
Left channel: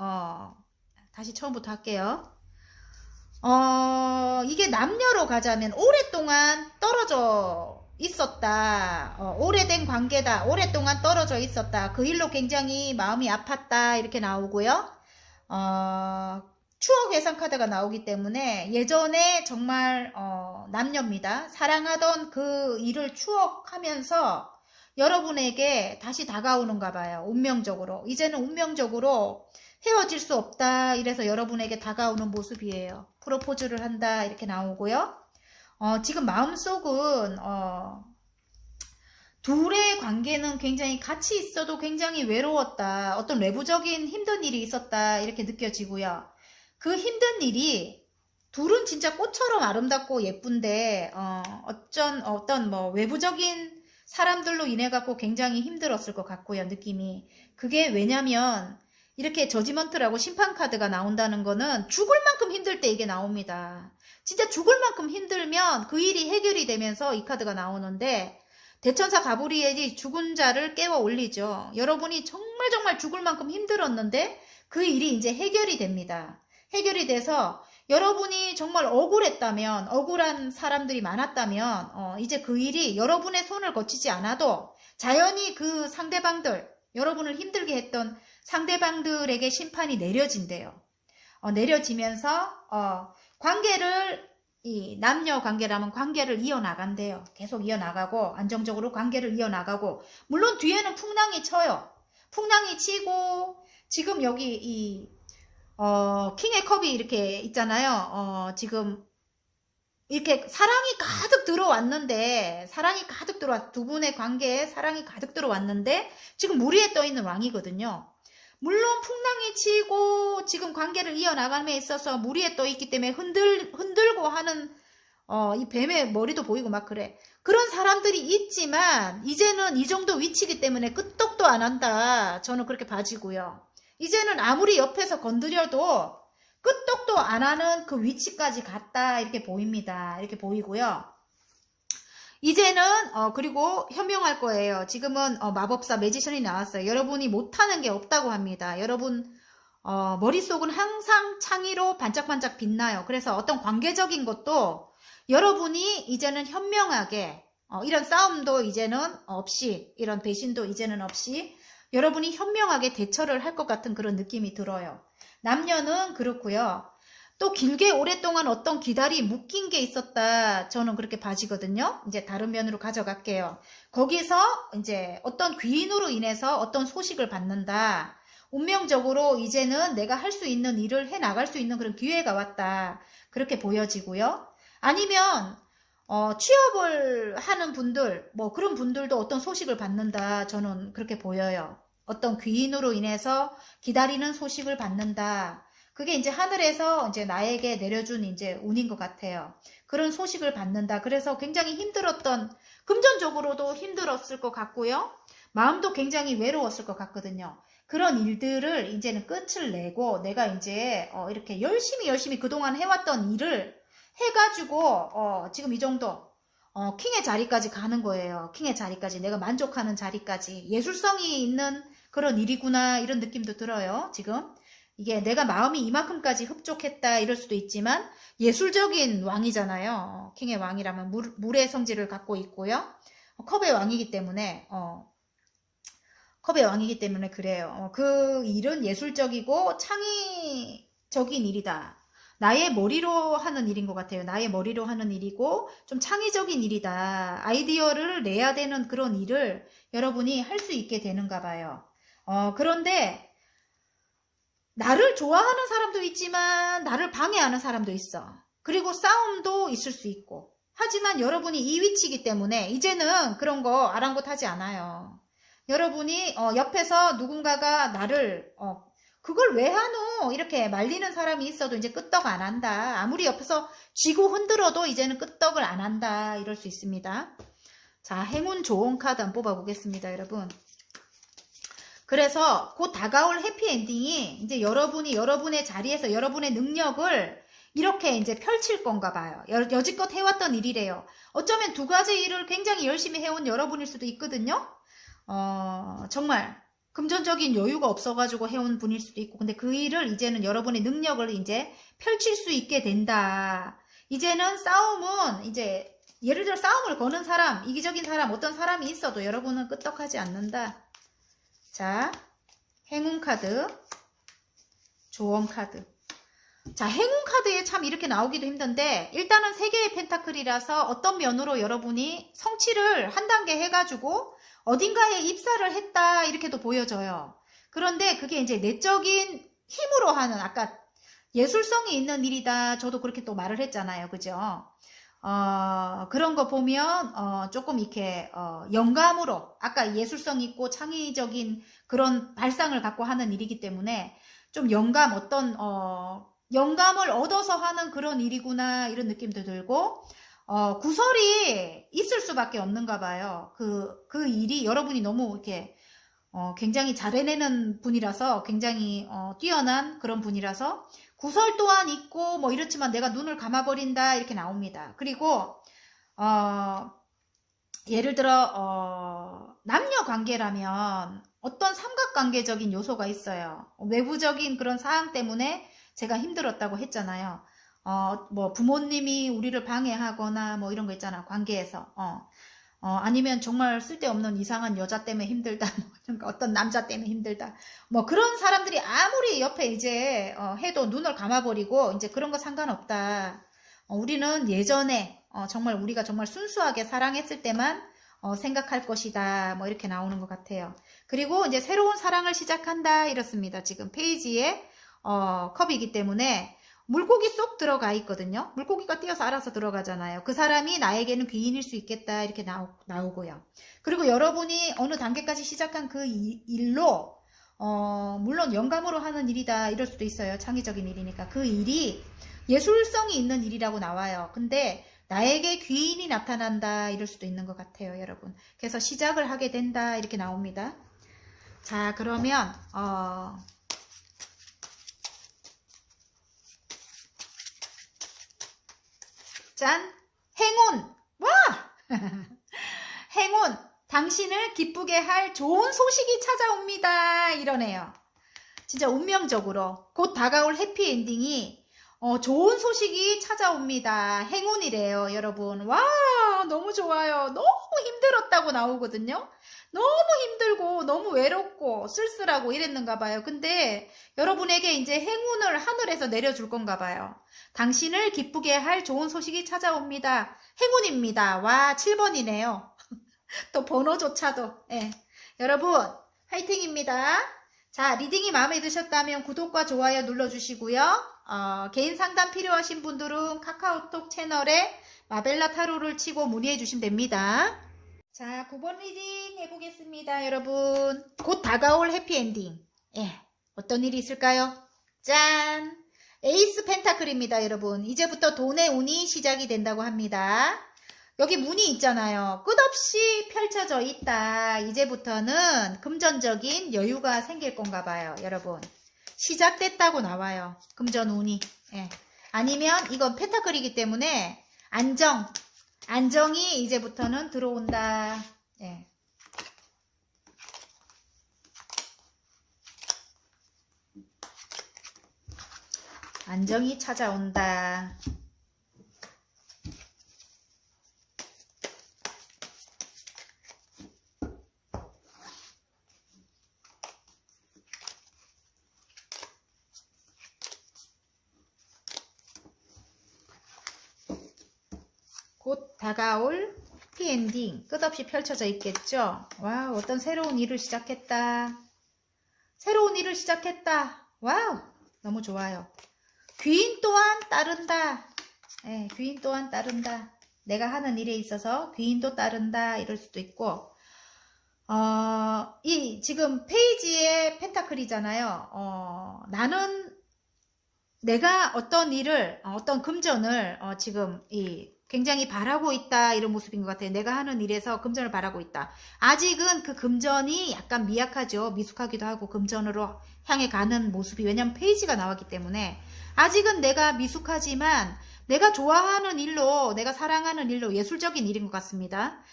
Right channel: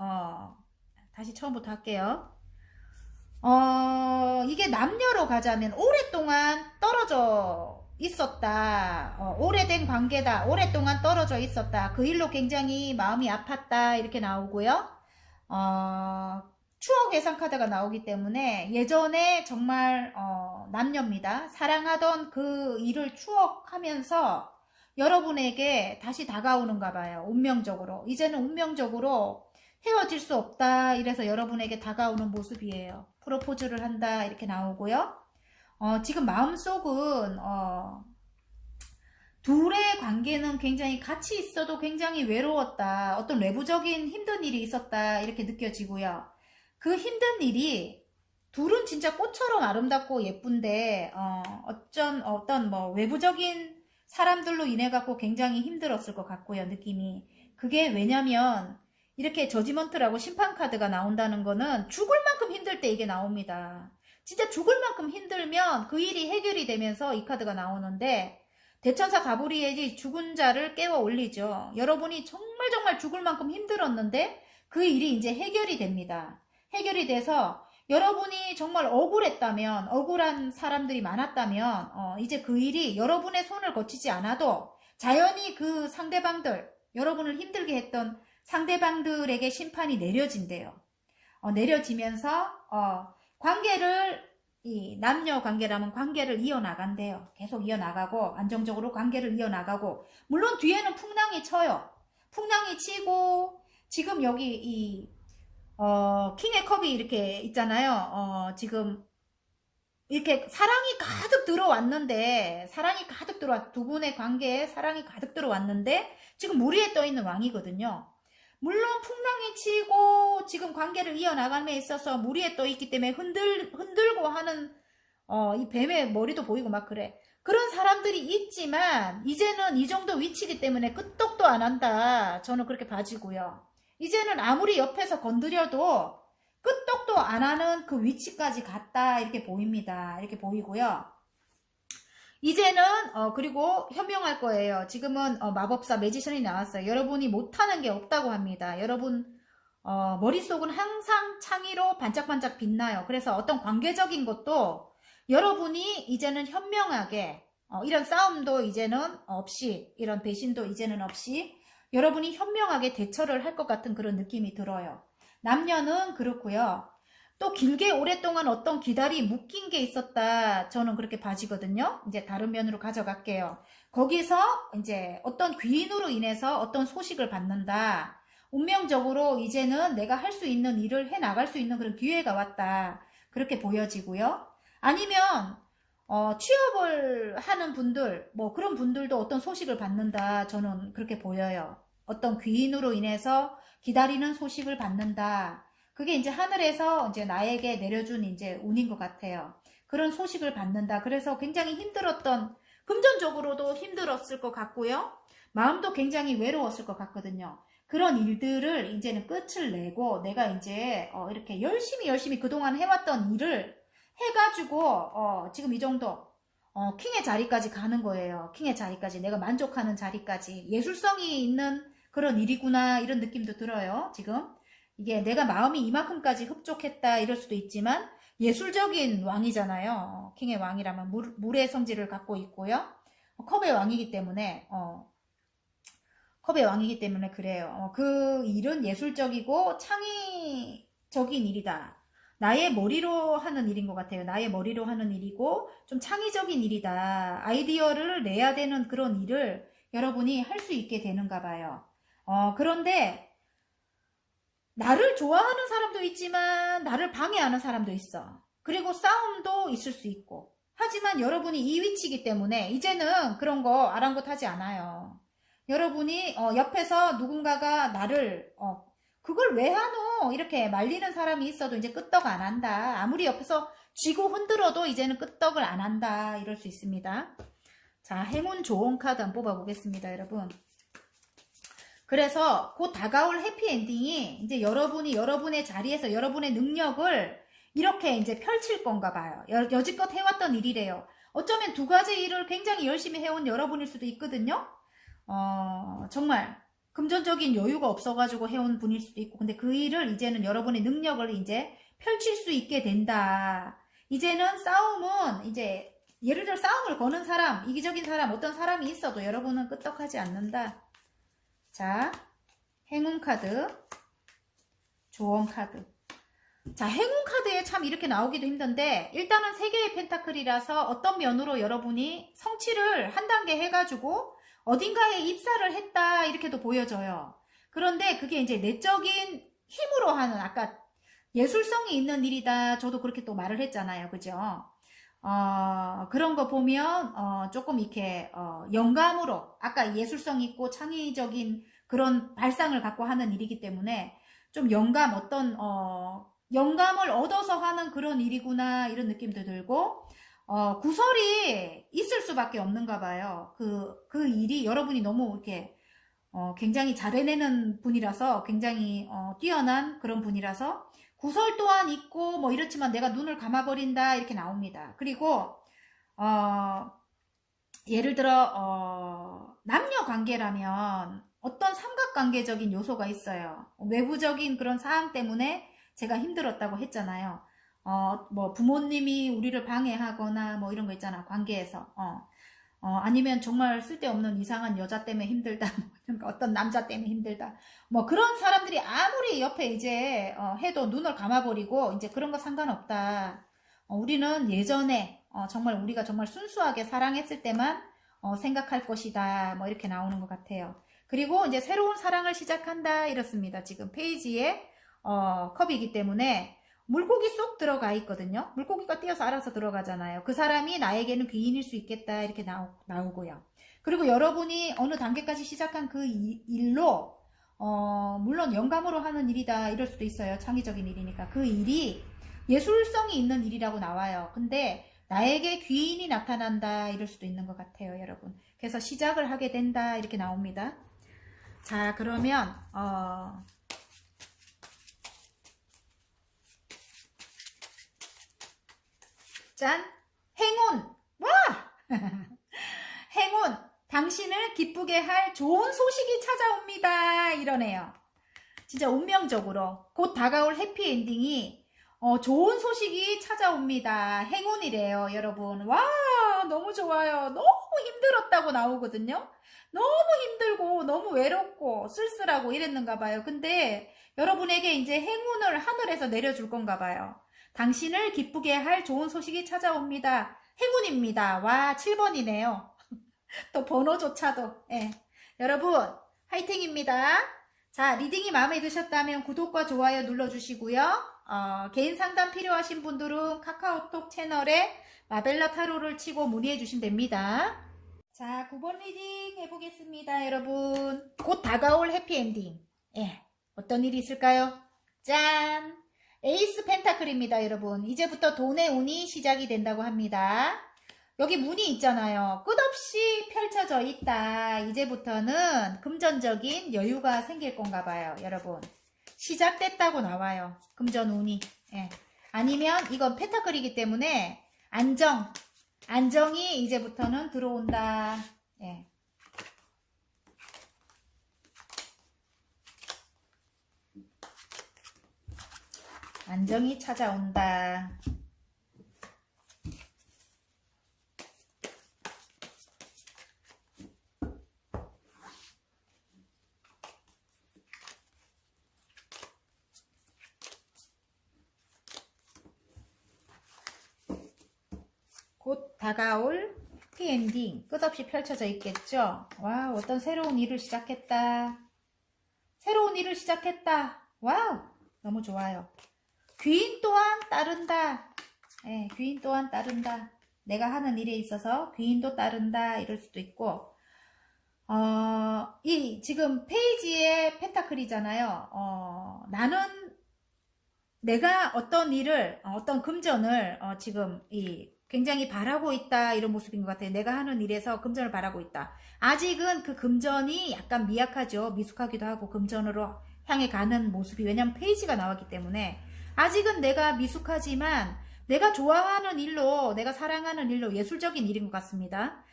다시 처음부터 할게요. 이게 남녀로 가자면 오랫동안 떨어져 있었다. 오래된 관계다. 오랫동안 떨어져 있었다. 그 일로 굉장히 마음이 아팠다. 이렇게 나오고요. 추억 회상 카드가 나오기 때문에 예전에 정말 남녀입니다. 사랑하던 그 일을 추억하면서 여러분에게 다시 다가오는가 봐요. 운명적으로. 이제는 운명적으로 헤어질 수 없다. 이래서 여러분에게 다가오는 모습이에요. 프로포즈를 한다. 이렇게 나오고요. 지금 마음속은 둘의 관계는 굉장히 같이 있어도 굉장히 외로웠다. 어떤 외부적인 힘든 일이 있었다. 이렇게 느껴지고요. 그 힘든 일이 둘은 진짜 꽃처럼 아름답고 예쁜데 어떤 뭐 외부적인 사람들로 인해 갖고 굉장히 힘들었을 것 같고요. 느낌이. 그게 왜냐면 이렇게 저지먼트라고 심판카드가 나온다는 거는 죽을 만큼 힘들 때 이게 나옵니다. 진짜 죽을 만큼 힘들면 그 일이 해결이 되면서 이 카드가 나오는데, 대천사 가브리엘이 죽은 자를 깨워 올리죠. 여러분이 정말 죽을 만큼 힘들었는데 그 일이 이제 해결이 됩니다. 해결이 돼서 여러분이 정말 억울했다면, 억울한 사람들이 많았다면 이제 그 일이 여러분의 손을 거치지 않아도 자연히 그 상대방들, 여러분을 힘들게 했던 상대방들에게 심판이 내려진대요. 내려지면서 관계를 이 남녀 관계라면 관계를 이어나간대요. 계속 이어나가고 안정적으로 관계를 이어나가고 물론 뒤에는 풍랑이 쳐요. 풍랑이 치고 지금 여기 이 킹의 컵이 이렇게 있잖아요. 지금 이렇게 사랑이 가득 들어왔는데 사랑이 가득 들어왔 두 분의 관계에 사랑이 가득 들어왔는데 지금 물 위에 떠 있는 왕이거든요. 물론 풍랑이 치고 지금 관계를 이어나감에 있어서 물 위에 떠 있기 때문에 흔들고 하는 이 뱀의 머리도 보이고 막 그래. 그런 사람들이 있지만 이제는 이 정도 위치이기 때문에 끄떡도 안 한다. 저는 그렇게 봐지고요. 이제는 아무리 옆에서 건드려도 끄떡도 안 하는 그 위치까지 갔다 이렇게 보입니다. 이렇게 보이고요. 이제는 그리고 현명할 거예요. 지금은 마법사 매지션이 나왔어요. 여러분이 못하는 게 없다고 합니다. 여러분 머릿속은 항상 창의로 반짝반짝 빛나요. 그래서 어떤 관계적인 것도 여러분이 이제는 현명하게 이런 싸움도 이제는 없이 이런 배신도 이제는 없이 여러분이 현명하게 대처를 할 것 같은 그런 느낌이 들어요. 남녀는 그렇고요. 또 길게 오랫동안 어떤 기다리 묶인 게 있었다. 저는 그렇게 봐지거든요. 이제 다른 면으로 가져갈게요. 거기서 이제 어떤 귀인으로 인해서 어떤 소식을 받는다. 운명적으로 이제는 내가 할 수 있는 일을 해 나갈 수 있는 그런 기회가 왔다. 그렇게 보여지고요. 아니면 취업을 하는 분들, 뭐 그런 분들도 어떤 소식을 받는다. 저는 그렇게 보여요. 어떤 귀인으로 인해서 기다리는 소식을 받는다. 그게 이제 하늘에서 이제 나에게 내려준 이제 운인 것 같아요. 그런 소식을 받는다. 그래서 굉장히 힘들었던, 금전적으로도 힘들었을 것 같고요. 마음도 굉장히 외로웠을 것 같거든요. 그런 일들을 이제는 끝을 내고 내가 이제 이렇게 열심히 그동안 해왔던 일을 해가지고 지금 이 정도 킹의 자리까지 가는 거예요. 킹의 자리까지 내가 만족하는 자리까지 예술성이 있는 그런 일이구나 이런 느낌도 들어요. 지금 이게 내가 마음이 이만큼까지 흡족했다 이럴 수도 있지만 예술적인 왕이잖아요. 킹의 왕이라면 물의 성질을 갖고 있고요. 컵의 왕이기 때문에 컵의 왕이기 때문에 그래요. 그 일은 예술적이고 창의적인 일이다. 나의 머리로 하는 일인 것 같아요. 나의 머리로 하는 일이고 좀 창의적인 일이다. 아이디어를 내야 되는 그런 일을 여러분이 할 수 있게 되는가 봐요. 그런데 나를 좋아하는 사람도 있지만 나를 방해하는 사람도 있어. 그리고 싸움도 있을 수 있고. 하지만 여러분이 이 위치이기 때문에 이제는 그런 거 아랑곳하지 않아요. 여러분이 옆에서 누군가가 나를 그걸 왜 하노? 이렇게 말리는 사람이 있어도 이제 끄떡 안 한다. 아무리 옆에서 쥐고 흔들어도 이제는 끄떡을 안 한다. 이럴 수 있습니다. 자, 행운 좋은 카드 한번 뽑아보겠습니다, 여러분. 그래서 곧 다가올 해피엔딩이 이제 여러분이 여러분의 자리에서 여러분의 능력을 이렇게 이제 펼칠 건가 봐요. 여지껏 해왔던 일이래요. 어쩌면 두 가지 일을 굉장히 열심히 해온 여러분일 수도 있거든요. 정말 금전적인 여유가 없어가지고 해온 분일 수도 있고, 근데 그 일을 이제는 여러분의 능력을 이제 펼칠 수 있게 된다. 이제는 싸움은 이제 예를 들어 싸움을 거는 사람, 이기적인 사람, 어떤 사람이 있어도 여러분은 끄떡하지 않는다. 자, 행운 카드, 조언 카드. 자, 행운 카드에 참 이렇게 나오기도 힘든데 일단은 3개의 펜타클이라서 어떤 면으로 여러분이 성취를 한 단계 해가지고 어딘가에 입사를 했다 이렇게도 보여져요. 그런데 그게 이제 내적인 힘으로 하는 아까 예술성이 있는 일이다. 저도 그렇게 또 말을 했잖아요. 그죠? 그런 거 보면 조금 이렇게 영감으로 아까 예술성 있고 창의적인 그런 발상을 갖고 하는 일이기 때문에 좀 영감 어떤 영감을 얻어서 하는 그런 일이구나 이런 느낌도 들고 구설이 있을 수밖에 없는가 봐요. 그 일이 여러분이 너무 이렇게 굉장히 잘 해내는 분이라서 굉장히 뛰어난 그런 분이라서 구설 또한 있고 뭐 이렇지만 내가 눈을 감아버린다 이렇게 나옵니다. 그리고 예를 들어 남녀 관계라면 어떤 삼각관계적인 요소가 있어요. 외부적인 그런 사항 때문에 제가 힘들었다고 했잖아요. 뭐 부모님이 우리를 방해하거나 뭐 이런 거 있잖아. 관계에서. 아니면 정말 쓸데없는 이상한 여자 때문에 힘들다. 어떤 남자 때문에 힘들다. 뭐 그런 사람들이 아무리 옆에 이제 해도 눈을 감아버리고 이제 그런 거 상관없다. 우리는 예전에 정말 우리가 정말 순수하게 사랑했을 때만 생각할 것이다. 뭐 이렇게 나오는 것 같아요. 그리고 이제 새로운 사랑을 시작한다 이렇습니다. 지금 페이지에 컵이기 때문에 물고기 쏙 들어가 있거든요. 물고기가 뛰어서 알아서 들어가잖아요. 그 사람이 나에게는 귀인일 수 있겠다 이렇게 나오고요. 그리고 여러분이 어느 단계까지 시작한 그 일로 물론 영감으로 하는 일이다 이럴 수도 있어요. 창의적인 일이니까 그 일이 예술성이 있는 일이라고 나와요. 근데 나에게 귀인이 나타난다 이럴 수도 있는 것 같아요, 여러분. 그래서 시작을 하게 된다 이렇게 나옵니다. 자, 그러면 짠! 행운! 와! 행운! 당신을 기쁘게 할 좋은 소식이 찾아옵니다. 이러네요. 진짜 운명적으로 곧 다가올 해피엔딩이 좋은 소식이 찾아옵니다. 행운이래요, 여러분. 와, 너무 좋아요. 너무 힘들었다고 나오거든요. 너무 힘들고 너무 외롭고 쓸쓸하고 이랬는가 봐요. 근데 여러분에게 이제 행운을 하늘에서 내려줄 건가 봐요. 당신을 기쁘게 할 좋은 소식이 찾아옵니다. 행운입니다. 와, 7번이네요. 또 번호조차도. 예. 여러분, 화이팅입니다. 자, 리딩이 마음에 드셨다면 구독과 좋아요 눌러주시고요. 개인 상담 필요하신 분들은 카카오톡 채널에 마벨라 타로를 치고 문의해 주시면 됩니다. 자, 9번 리딩 해보겠습니다, 여러분. 곧 다가올 해피엔딩. 예, 어떤 일이 있을까요? 짠! 에이스 펜타클입니다, 여러분. 이제부터 돈의 운이 시작이 된다고 합니다. 여기 문이 있잖아요. 끝없이 펼쳐져 있다. 이제부터는 금전적인 여유가 생길 건가 봐요, 여러분. 시작됐다고 나와요. 금전 운이. 예. 아니면 이건 펜타클이기 때문에 안정이 이제부터는 들어온다. 예. 안정이 찾아온다. 곧 다가올 해피엔딩 끝없이 펼쳐져 있겠죠. 와, 어떤 새로운 일을 시작했다. 새로운 일을 시작했다. 와우, 너무 좋아요. 귀인 또한 따른다. 예, 귀인 또한 따른다. 내가 하는 일에 있어서 귀인도 따른다 이럴 수도 있고, 이 지금 페이지에 펜타클이잖아요. 나는 내가 어떤 일을 어떤 금전을 지금 굉장히 바라고 있다 이런 모습인 것 같아요. 내가 하는 일에서 금전을 바라고 있다. 아직은 그 금전이 약간 미약하죠. 미숙하기도 하고 금전으로 향해 가는 모습이, 왜냐면 페이지가 나왔기 때문에 아직은 내가 미숙하지만 내가 좋아하는 일로, 내가 사랑하는 일로, 예술적인 일인 것 같습니다.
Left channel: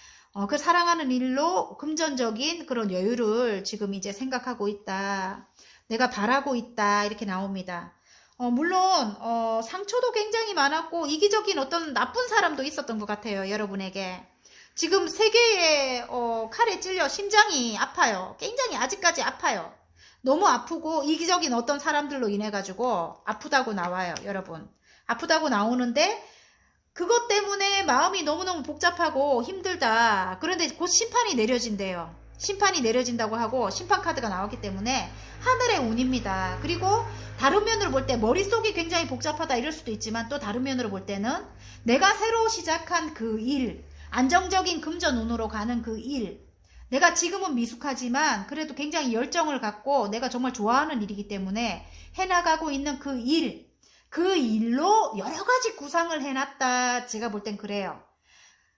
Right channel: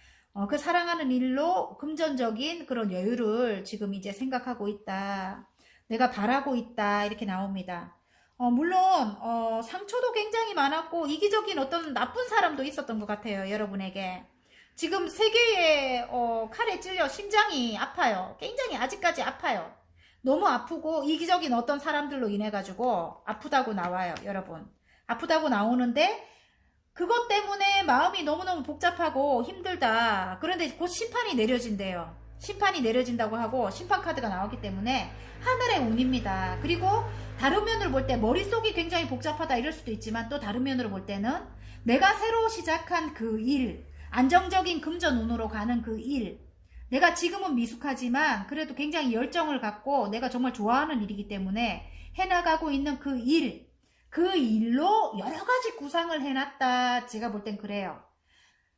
그 사랑하는 일로 금전적인 그런 여유를 지금 이제 생각하고 있다. 내가 바라고 있다 이렇게 나옵니다. 물론 상처도 굉장히 많았고 이기적인 어떤 나쁜 사람도 있었던 것 같아요, 여러분에게. 지금 세 개의 칼에 찔려 심장이 아파요. 굉장히 아직까지 아파요. 너무 아프고 이기적인 어떤 사람들로 인해 가지고 아프다고 나와요, 여러분. 아프다고 나오는데 그것 때문에 마음이 너무너무 복잡하고 힘들다. 그런데 곧 심판이 내려진대요. 심판이 내려진다고 하고 심판 카드가 나왔기 때문에 하늘의 운입니다. 그리고 다른 면으로 볼 때 머릿속이 굉장히 복잡하다 이럴 수도 있지만, 또 다른 면으로 볼 때는 내가 새로 시작한 그 일, 안정적인 금전 운으로 가는 그 일, 내가 지금은 미숙하지만 그래도 굉장히 열정을 갖고 내가 정말 좋아하는 일이기 때문에 해나가고 있는 그 일, 그 일로 여러 가지 구상을 해놨다. 제가 볼 땐 그래요.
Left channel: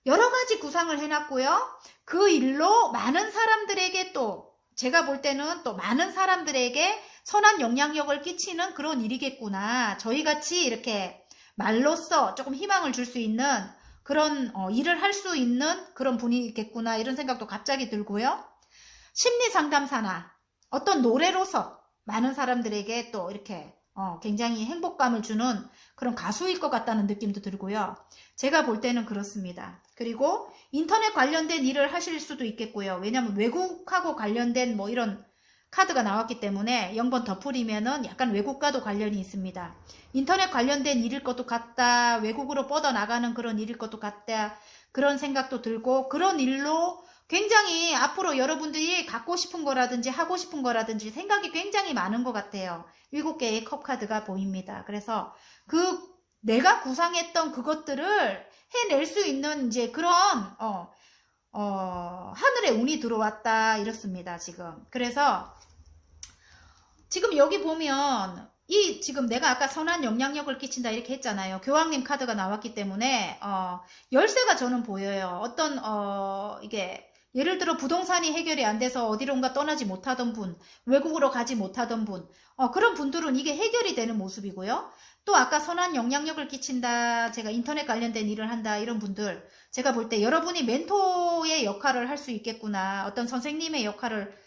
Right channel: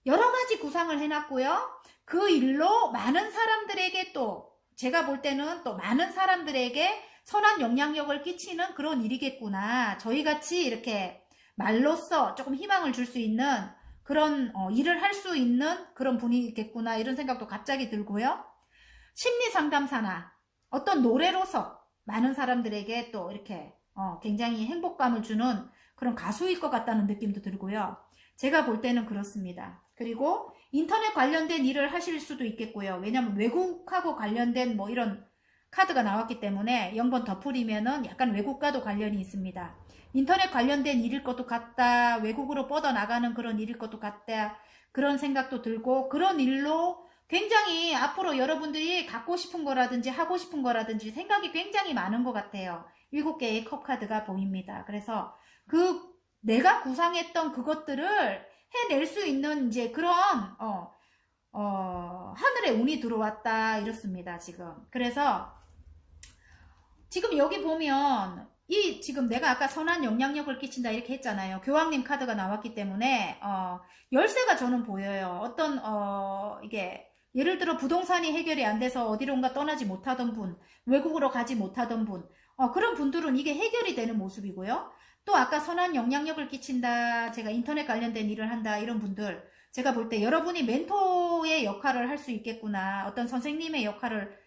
여러 가지 구상을 해놨고요. 그 일로 많은 사람들에게, 또 제가 볼 때는 또 많은 사람들에게 선한 영향력을 끼치는 그런 일이겠구나. 저희같이 이렇게 말로써 조금 희망을 줄 수 있는 그런 일을 할 수 있는 그런 분이겠구나, 이런 생각도 갑자기 들고요. 심리상담사나 어떤 노래로서 많은 사람들에게 또 이렇게 굉장히 행복감을 주는 그런 가수일 것 같다는 느낌도 들고요. 제가 볼 때는 그렇습니다. 그리고 인터넷 관련된 일을 하실 수도 있겠고요. 왜냐하면 외국하고 관련된 뭐 이런 카드가 나왔기 때문에 0번 덧풀이면은 약간 외국과도 관련이 있습니다. 인터넷 관련된 일일 것도 같다. 외국으로 뻗어나가는 그런 일일 것도 같다. 그런 생각도 들고 그런 일로 굉장히 앞으로 여러분들이 갖고 싶은 거라든지 하고 싶은 거라든지 생각이 굉장히 많은 것 같아요. 7개의 컵 카드가 보입니다. 그래서 그 내가 구상했던 그것들을 해낼 수 있는 이제 그런 하늘에 운이 들어왔다 이렇습니다. 지금. 그래서 지금 여기 보면 이 지금 내가 아까 선한 영향력을 끼친다 이렇게 했잖아요. 교황님 카드가 나왔기 때문에 열쇠가 저는 보여요. 어떤 이게 예를 들어 부동산이 해결이 안 돼서 어디론가 떠나지 못하던 분, 외국으로 가지 못하던 분, 그런 분들은 이게 해결이 되는 모습이고요. 또 아까 선한 영향력을 끼친다, 제가 인터넷 관련된 일을 한다 이런 분들, 제가 볼 때 여러분이 멘토의 역할을 할 수 있겠구나. 어떤 선생님의 역할을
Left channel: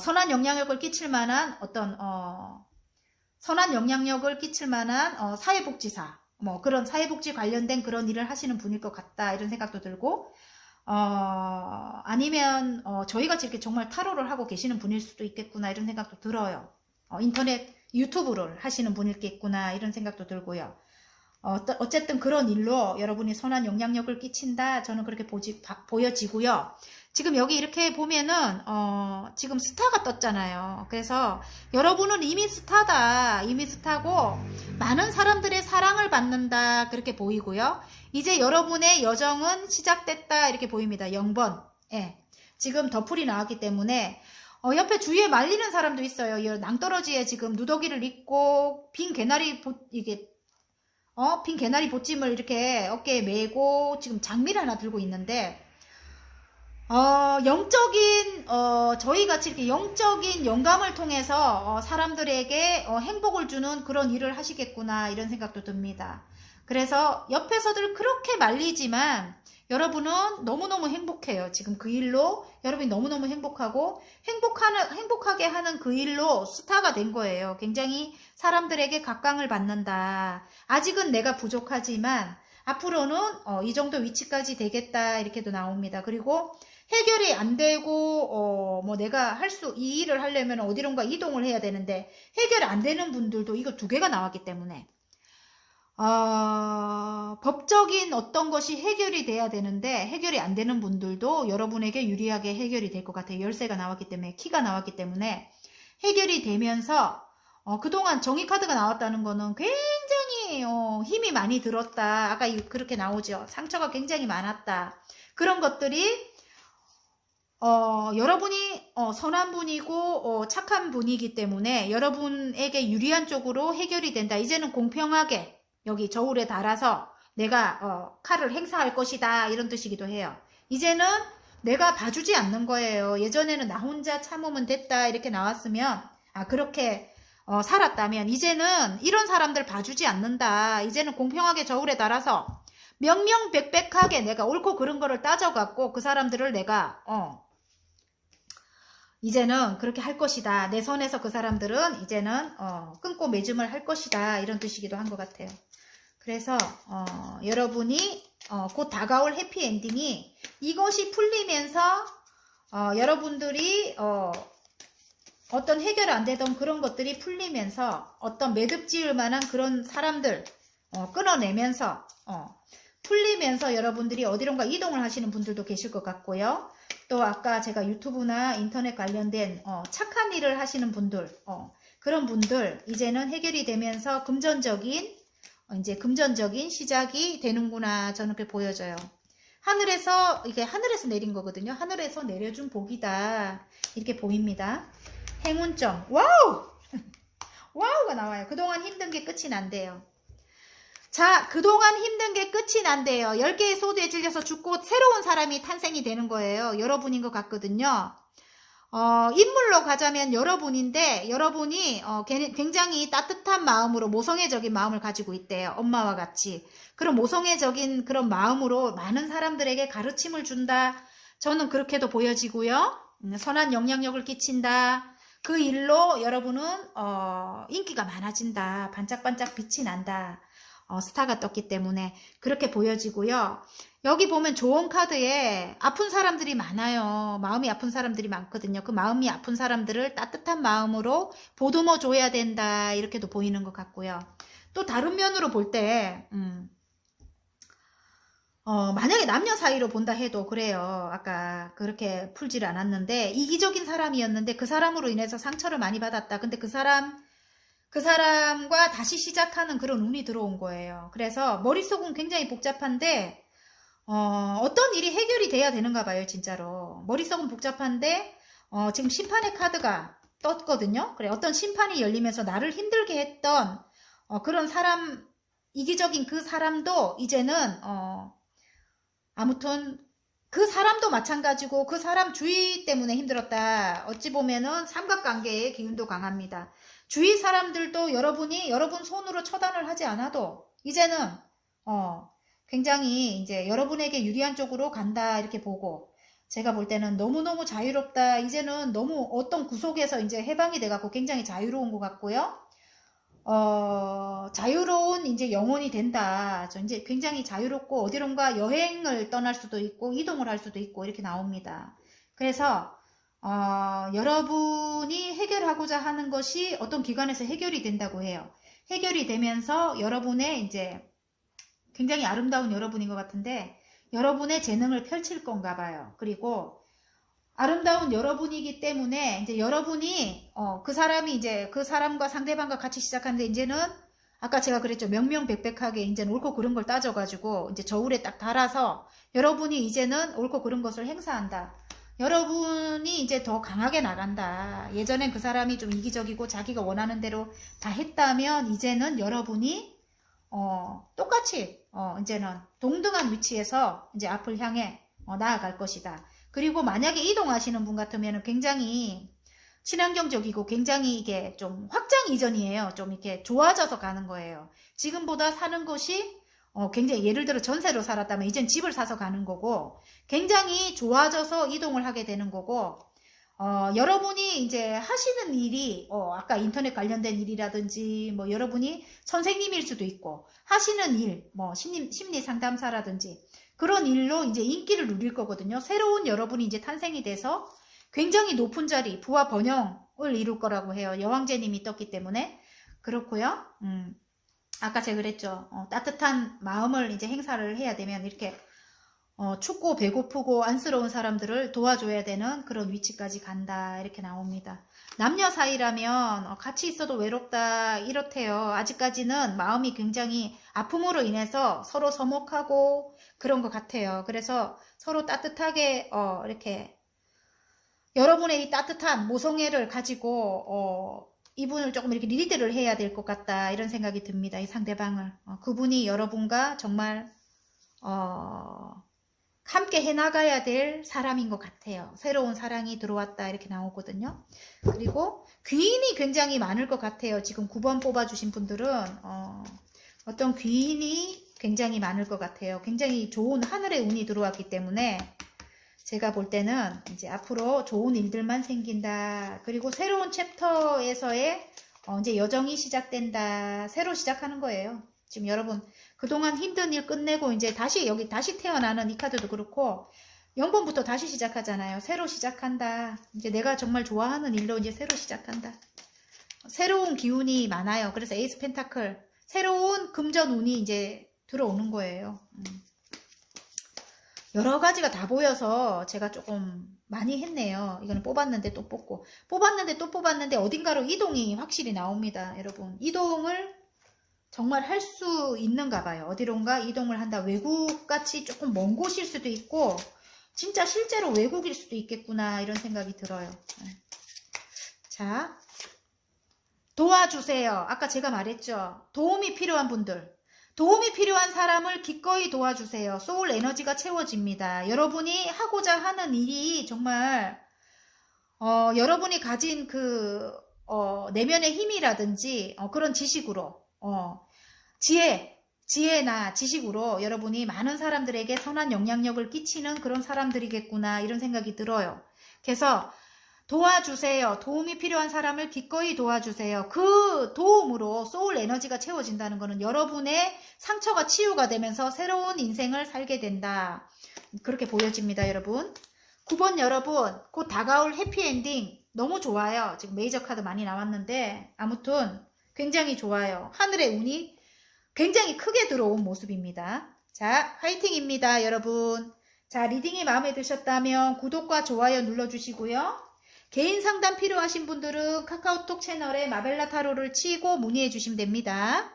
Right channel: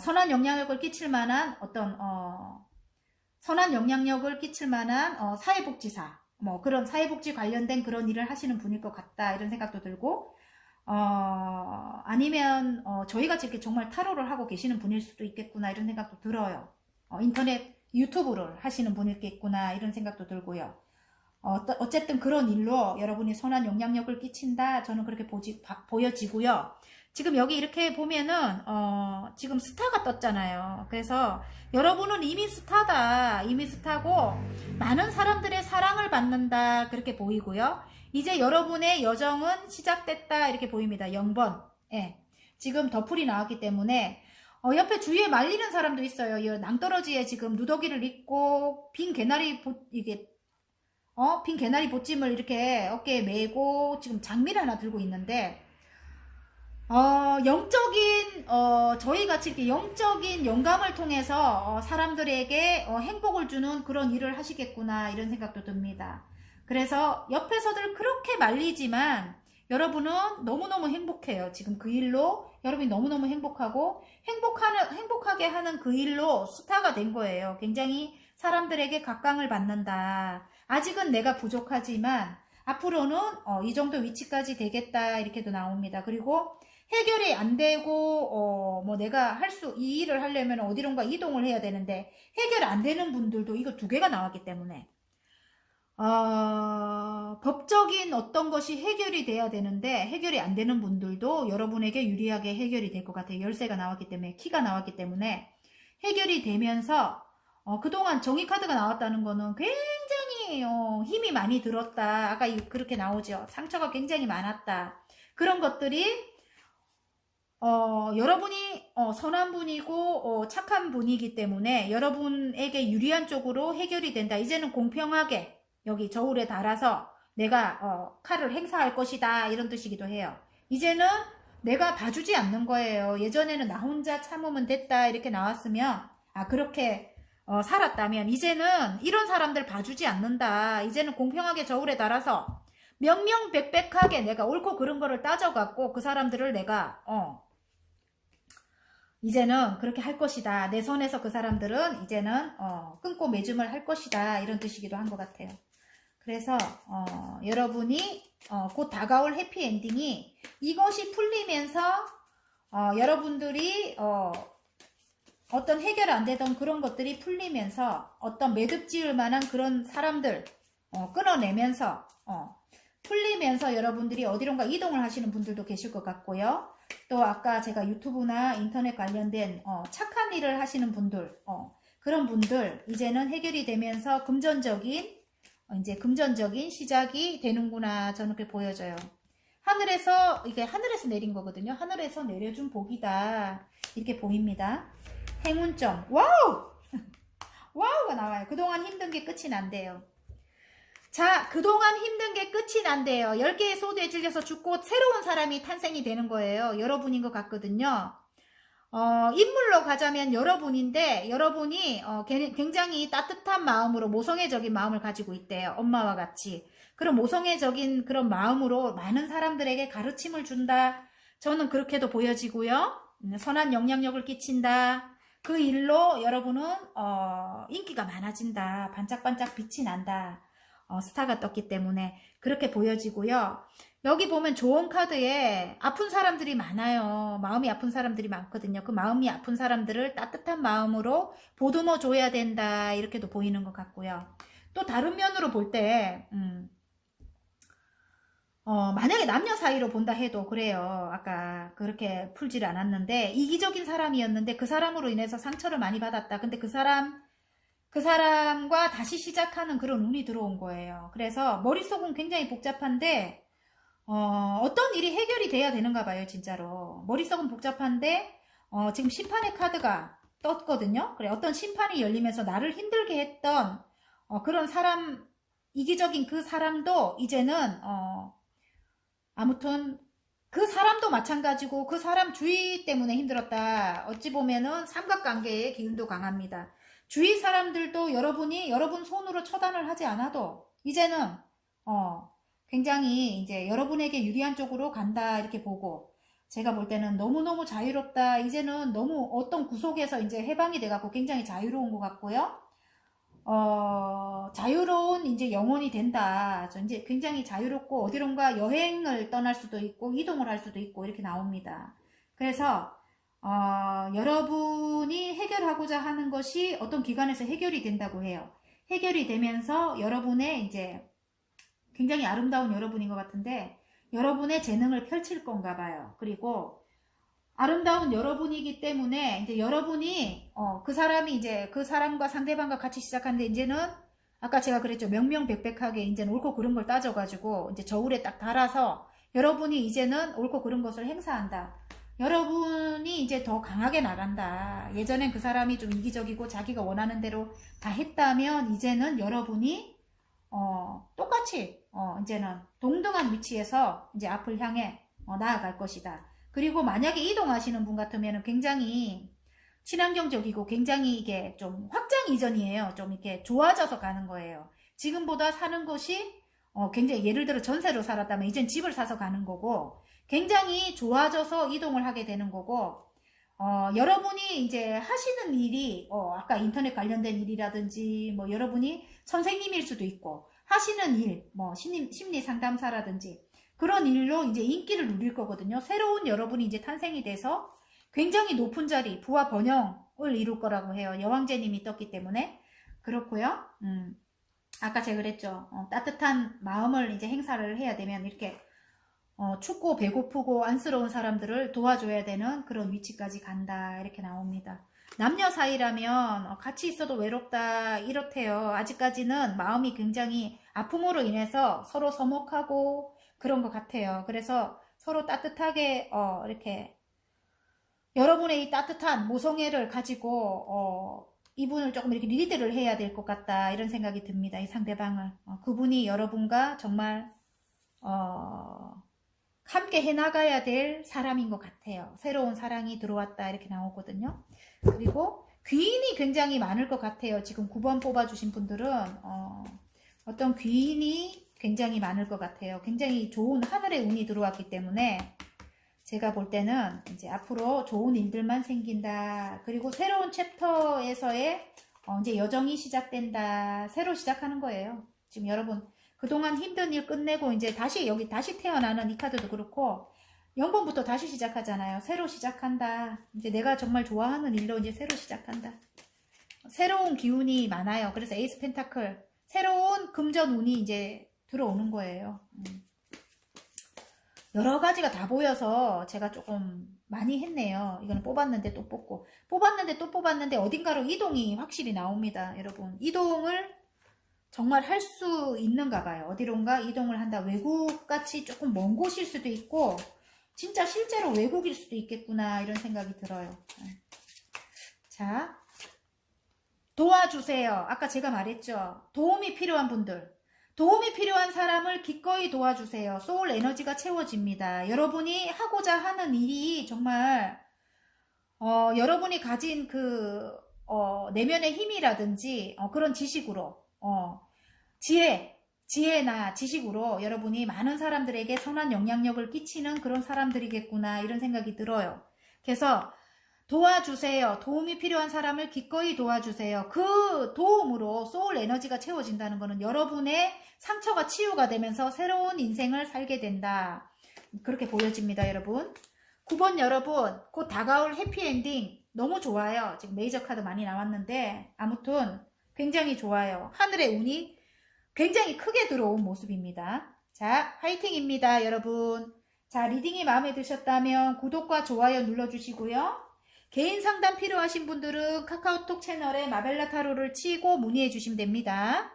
선한 영향력을 끼칠 만한 어떤 선한 영향력을 끼칠 만한 사회복지사, 뭐 그런 사회복지 관련된 그런 일을 하시는 분일 것 같다 이런 생각도 들고 아니면 저희같이 이렇게 정말 타로를 하고 계시는 분일 수도 있겠구나 이런 생각도 들어요. 인터넷 유튜브를 하시는 분이겠구나 이런 생각도 들고요. 어쨌든 그런 일로 여러분이 선한 영향력을 끼친다 저는 그렇게 보여지고요. 지금 여기 이렇게 보면은 지금 스타가 떴잖아요. 그래서 여러분은 이미 스타다. 이미 스타고 많은 사람들의 사랑을 받는다 그렇게 보이고요. 이제 여러분의 여정은 시작됐다 이렇게 보입니다. 0번. 예. 지금 덧풀이 나왔기 때문에 옆에 주위에 말리는 사람도 있어요. 이 낭떠러지에 지금 누더기를 입고 빈 개나리 빈 개나리 보찜을 이렇게 어깨에 메고 지금 장미를 하나 들고 있는데 영적인 저희 같이 이렇게 영적인 영감을 통해서 사람들에게 행복을 주는 그런 일을 하시겠구나 이런 생각도 듭니다. 그래서 옆에서들 그렇게 말리지만 여러분은 너무너무 행복해요. 지금 그 일로 여러분이 너무너무 행복하고 행복하게 하는 그 일로 스타가 된 거예요. 굉장히 사람들에게 각광을 받는다. 아직은 내가 부족하지만 앞으로는 이 정도 위치까지 되겠다 이렇게도 나옵니다. 그리고 해결이 안 되고 뭐 내가 이 일을 하려면 어디론가 이동을 해야 되는데 해결이 안 되는 분들도 이거 2개가 나왔기 때문에 법적인 어떤 것이 해결이 돼야 되는데 해결이 안 되는 분들도 여러분에게 유리하게 해결이 될 것 같아요. 열쇠가 나왔기 때문에 키가 나왔기 때문에 해결이 되면서 그동안 정의 카드가 나왔다는 거는 굉장히 힘이 많이 들었다. 아까 그렇게 나오죠. 상처가 굉장히 많았다. 그런 것들이 여러분이 선한 분이고 착한 분이기 때문에 여러분에게 유리한 쪽으로 해결이 된다. 이제는 공평하게 여기 저울에 달아서 내가 칼을 행사할 것이다 이런 뜻이기도 해요. 이제는 내가 봐주지 않는 거예요. 예전에는 나 혼자 참으면 됐다 이렇게 나왔으면 그렇게 살았다면 이제는 이런 사람들 봐주지 않는다. 이제는 공평하게 저울에 달아서 명명백백하게 내가 옳고 그른 거를 따져갖고 그 사람들을 내가 이제는 그렇게 할 것이다. 내 선에서 그 사람들은 이제는 끊고 매짐을 할 것이다. 이런 뜻이기도 한 것 같아요. 그래서 여러분이 곧 다가올 해피엔딩이 이것이 풀리면서 여러분들이 어떤 해결 안 되던 그런 것들이 풀리면서 어떤 매듭 지을 만한 그런 사람들 끊어내면서 풀리면서 여러분들이 어디론가 이동을 하시는 분들도 계실 것 같고요. 또 아까 제가 유튜브나 인터넷 관련된 착한 일을 하시는 분들 그런 분들 이제는 해결이 되면서 금전적인 시작이 되는구나 저는 그렇게 보여져요. 이게 하늘에서 내린 거거든요. 하늘에서 내려준 복이다 이렇게 보입니다. 행운점 와우 와우가 나와요. 그동안 힘든 게 끝이 난대요. 자, 그동안 힘든 게 끝이 난대요. 10개의 소드에 질려서 죽고 새로운 사람이 탄생이 되는 거예요. 여러분인 것 같거든요. 인물로 가자면 여러분인데 여러분이 굉장히 따뜻한 마음으로 모성애적인 마음을 가지고 있대요. 엄마와 같이. 그런 모성애적인 그런 마음으로 많은 사람들에게 가르침을 준다. 저는 그렇게도 보여지고요. 선한 영향력을 끼친다. 그 일로 여러분은 인기가 많아진다. 반짝반짝 빛이 난다. 스타가 떴기 때문에 그렇게 보여지고요. 여기 보면 조언 카드에 아픈 사람들이 많아요. 마음이 아픈 사람들이 많거든요. 그 마음이 아픈 사람들을 따뜻한 마음으로 보듬어 줘야 된다. 이렇게도 보이는 것 같고요. 또 다른 면으로 볼 때, 만약에 남녀 사이로 본다 해도 그래요. 아까 그렇게 풀지를 않았는데, 이기적인 사람이었는데 그 사람으로 인해서 상처를 많이 받았다. 근데 그 사람과 다시 시작하는 그런 운이 들어온 거예요. 그래서 머릿속은 굉장히 복잡한데, 어떤 일이 해결이 돼야 되는가 봐요, 진짜로. 머릿속은 복잡한데, 지금 심판의 카드가 떴거든요. 그래, 어떤 심판이 열리면서 나를 힘들게 했던, 그런 사람, 이기적인 그 사람도 이제는, 아무튼, 그 사람도 마찬가지고 그 사람 주의 때문에 힘들었다. 어찌 보면은 삼각관계의 기운도 강합니다. 주위 사람들도 여러분 손으로 처단을 하지 않아도 이제는 굉장히 이제 여러분에게 유리한 쪽으로 간다 이렇게 보고 제가 볼 때는 너무너무 자유롭다. 이제는 너무 어떤 구속에서 이제 해방이 돼갖고 굉장히 자유로운 것 같고요. 자유로운 이제 영혼이 된다. 이제 굉장히 자유롭고 어디론가 여행을 떠날 수도 있고 이동을 할 수도 있고 이렇게 나옵니다. 그래서 여러분이 해결하고자 하는 것이 어떤 기관에서 해결이 된다고 해요. 해결이 되면서 여러분의 이제 굉장히 아름다운 여러분인 것 같은데 여러분의 재능을 펼칠 건가 봐요. 그리고 아름다운 여러분이기 때문에 이제 여러분이 그 사람이 이제 그 사람과 상대방과 같이 시작하는데 이제는 아까 제가 그랬죠. 명명백백하게 이제는 옳고 그른 걸 따져가지고 이제 저울에 딱 달아서 여러분이 이제는 옳고 그른 것을 행사한다. 여러분이 이제 더 강하게 나간다. 예전엔 그 사람이 좀 이기적이고 자기가 원하는 대로 다 했다면 이제는 여러분이 똑같이 이제는 동등한 위치에서 이제 앞을 향해 나아갈 것이다. 그리고 만약에 이동하시는 분 같으면 굉장히 친환경적이고 굉장히 이게 좀 확장 이전이에요. 좀 이렇게 좋아져서 가는 거예요. 지금보다 사는 것이 굉장히 예를 들어 전세로 살았다면 이젠 집을 사서 가는 거고 굉장히 좋아져서 이동을 하게 되는 거고 여러분이 이제 하시는 일이 아까 인터넷 관련된 일이라든지 뭐 여러분이 선생님일 수도 있고 하시는 일 뭐 심리 상담사라든지 그런 일로 이제 인기를 누릴 거거든요. 새로운 여러분이 이제 탄생이 돼서 굉장히 높은 자리, 부와 번영을 이룰 거라고 해요. 여왕제님이 떴기 때문에. 그렇고요. 아까 제가 그랬죠. 따뜻한 마음을 이제 행사를 해야 되면 이렇게 춥고 배고프고 안쓰러운 사람들을 도와줘야 되는 그런 위치까지 간다. 이렇게 나옵니다. 남녀 사이라면 같이 있어도 외롭다 이렇대요. 아직까지는 마음이 굉장히 아픔으로 인해서 서로 서먹하고 그런 것 같아요. 그래서 서로 따뜻하게 이렇게 여러분의 이 따뜻한 모성애를 가지고 이분을 조금 이렇게 리드를 해야 될 것 같다 이런 생각이 듭니다. 이 상대방을 그분이 여러분과 정말 함께 해나가야 될 사람인 것 같아요. 새로운 사랑이 들어왔다 이렇게 나오거든요. 그리고 귀인이 굉장히 많을 것 같아요. 지금 9번 뽑아주신 분들은 어떤 귀인이 굉장히 많을 것 같아요. 굉장히 좋은 하늘의 운이 들어왔기 때문에 제가 볼 때는 이제 앞으로 좋은 일들만 생긴다. 그리고 새로운 챕터에서의 이제 여정이 시작된다. 새로 시작하는 거예요. 지금 여러분 그동안 힘든 일 끝내고 이제 다시 여기 다시 태어나는 이 카드도 그렇고 0번부터 다시 시작하잖아요. 새로 시작한다. 이제 내가 정말 좋아하는 일로 이제 새로 시작한다. 새로운 기운이 많아요. 그래서 에이스 펜타클 새로운 금전 운이 이제 들어오는 거예요. 여러 가지가 다 보여서 제가 조금 많이 했네요. 이거는 뽑았는데 또 뽑고 뽑았는데 또 뽑았는데 어딘가로 이동이 확실히 나옵니다. 여러분 이동을 정말 할 수 있는가 봐요. 어디론가 이동을 한다. 외국같이 조금 먼 곳일 수도 있고 진짜 실제로 외국일 수도 있겠구나 이런 생각이 들어요. 자, 도와주세요. 아까 제가 말했죠. 도움이 필요한 분들, 도움이 필요한 사람을 기꺼이 도와주세요. 소울 에너지가 채워집니다. 여러분이 하고자 하는 일이 정말 여러분이 가진 그 내면의 힘이라든지 그런 지식으로 지혜나 지식으로 여러분이 많은 사람들에게 선한 영향력을 끼치는 그런 사람들이겠구나 이런 생각이 들어요. 그래서 도와주세요. 도움이 필요한 사람을 기꺼이 도와주세요. 그 도움으로 소울 에너지가 채워진다는 것은 여러분의 상처가 치유가 되면서 새로운 인생을 살게 된다. 그렇게 보여집니다, 여러분. 9번 여러분, 곧 다가올 해피엔딩 너무 좋아요. 지금 메이저 카드 많이 나왔는데 아무튼 굉장히 좋아요. 하늘의 운이 굉장히 크게 들어온 모습입니다. 자, 화이팅입니다, 여러분. 자, 리딩이 마음에 드셨다면 구독과 좋아요 눌러주시고요. 개인 상담 필요하신 분들은 카카오톡 채널에 마벨라 타로를 치고 문의해 주시면 됩니다.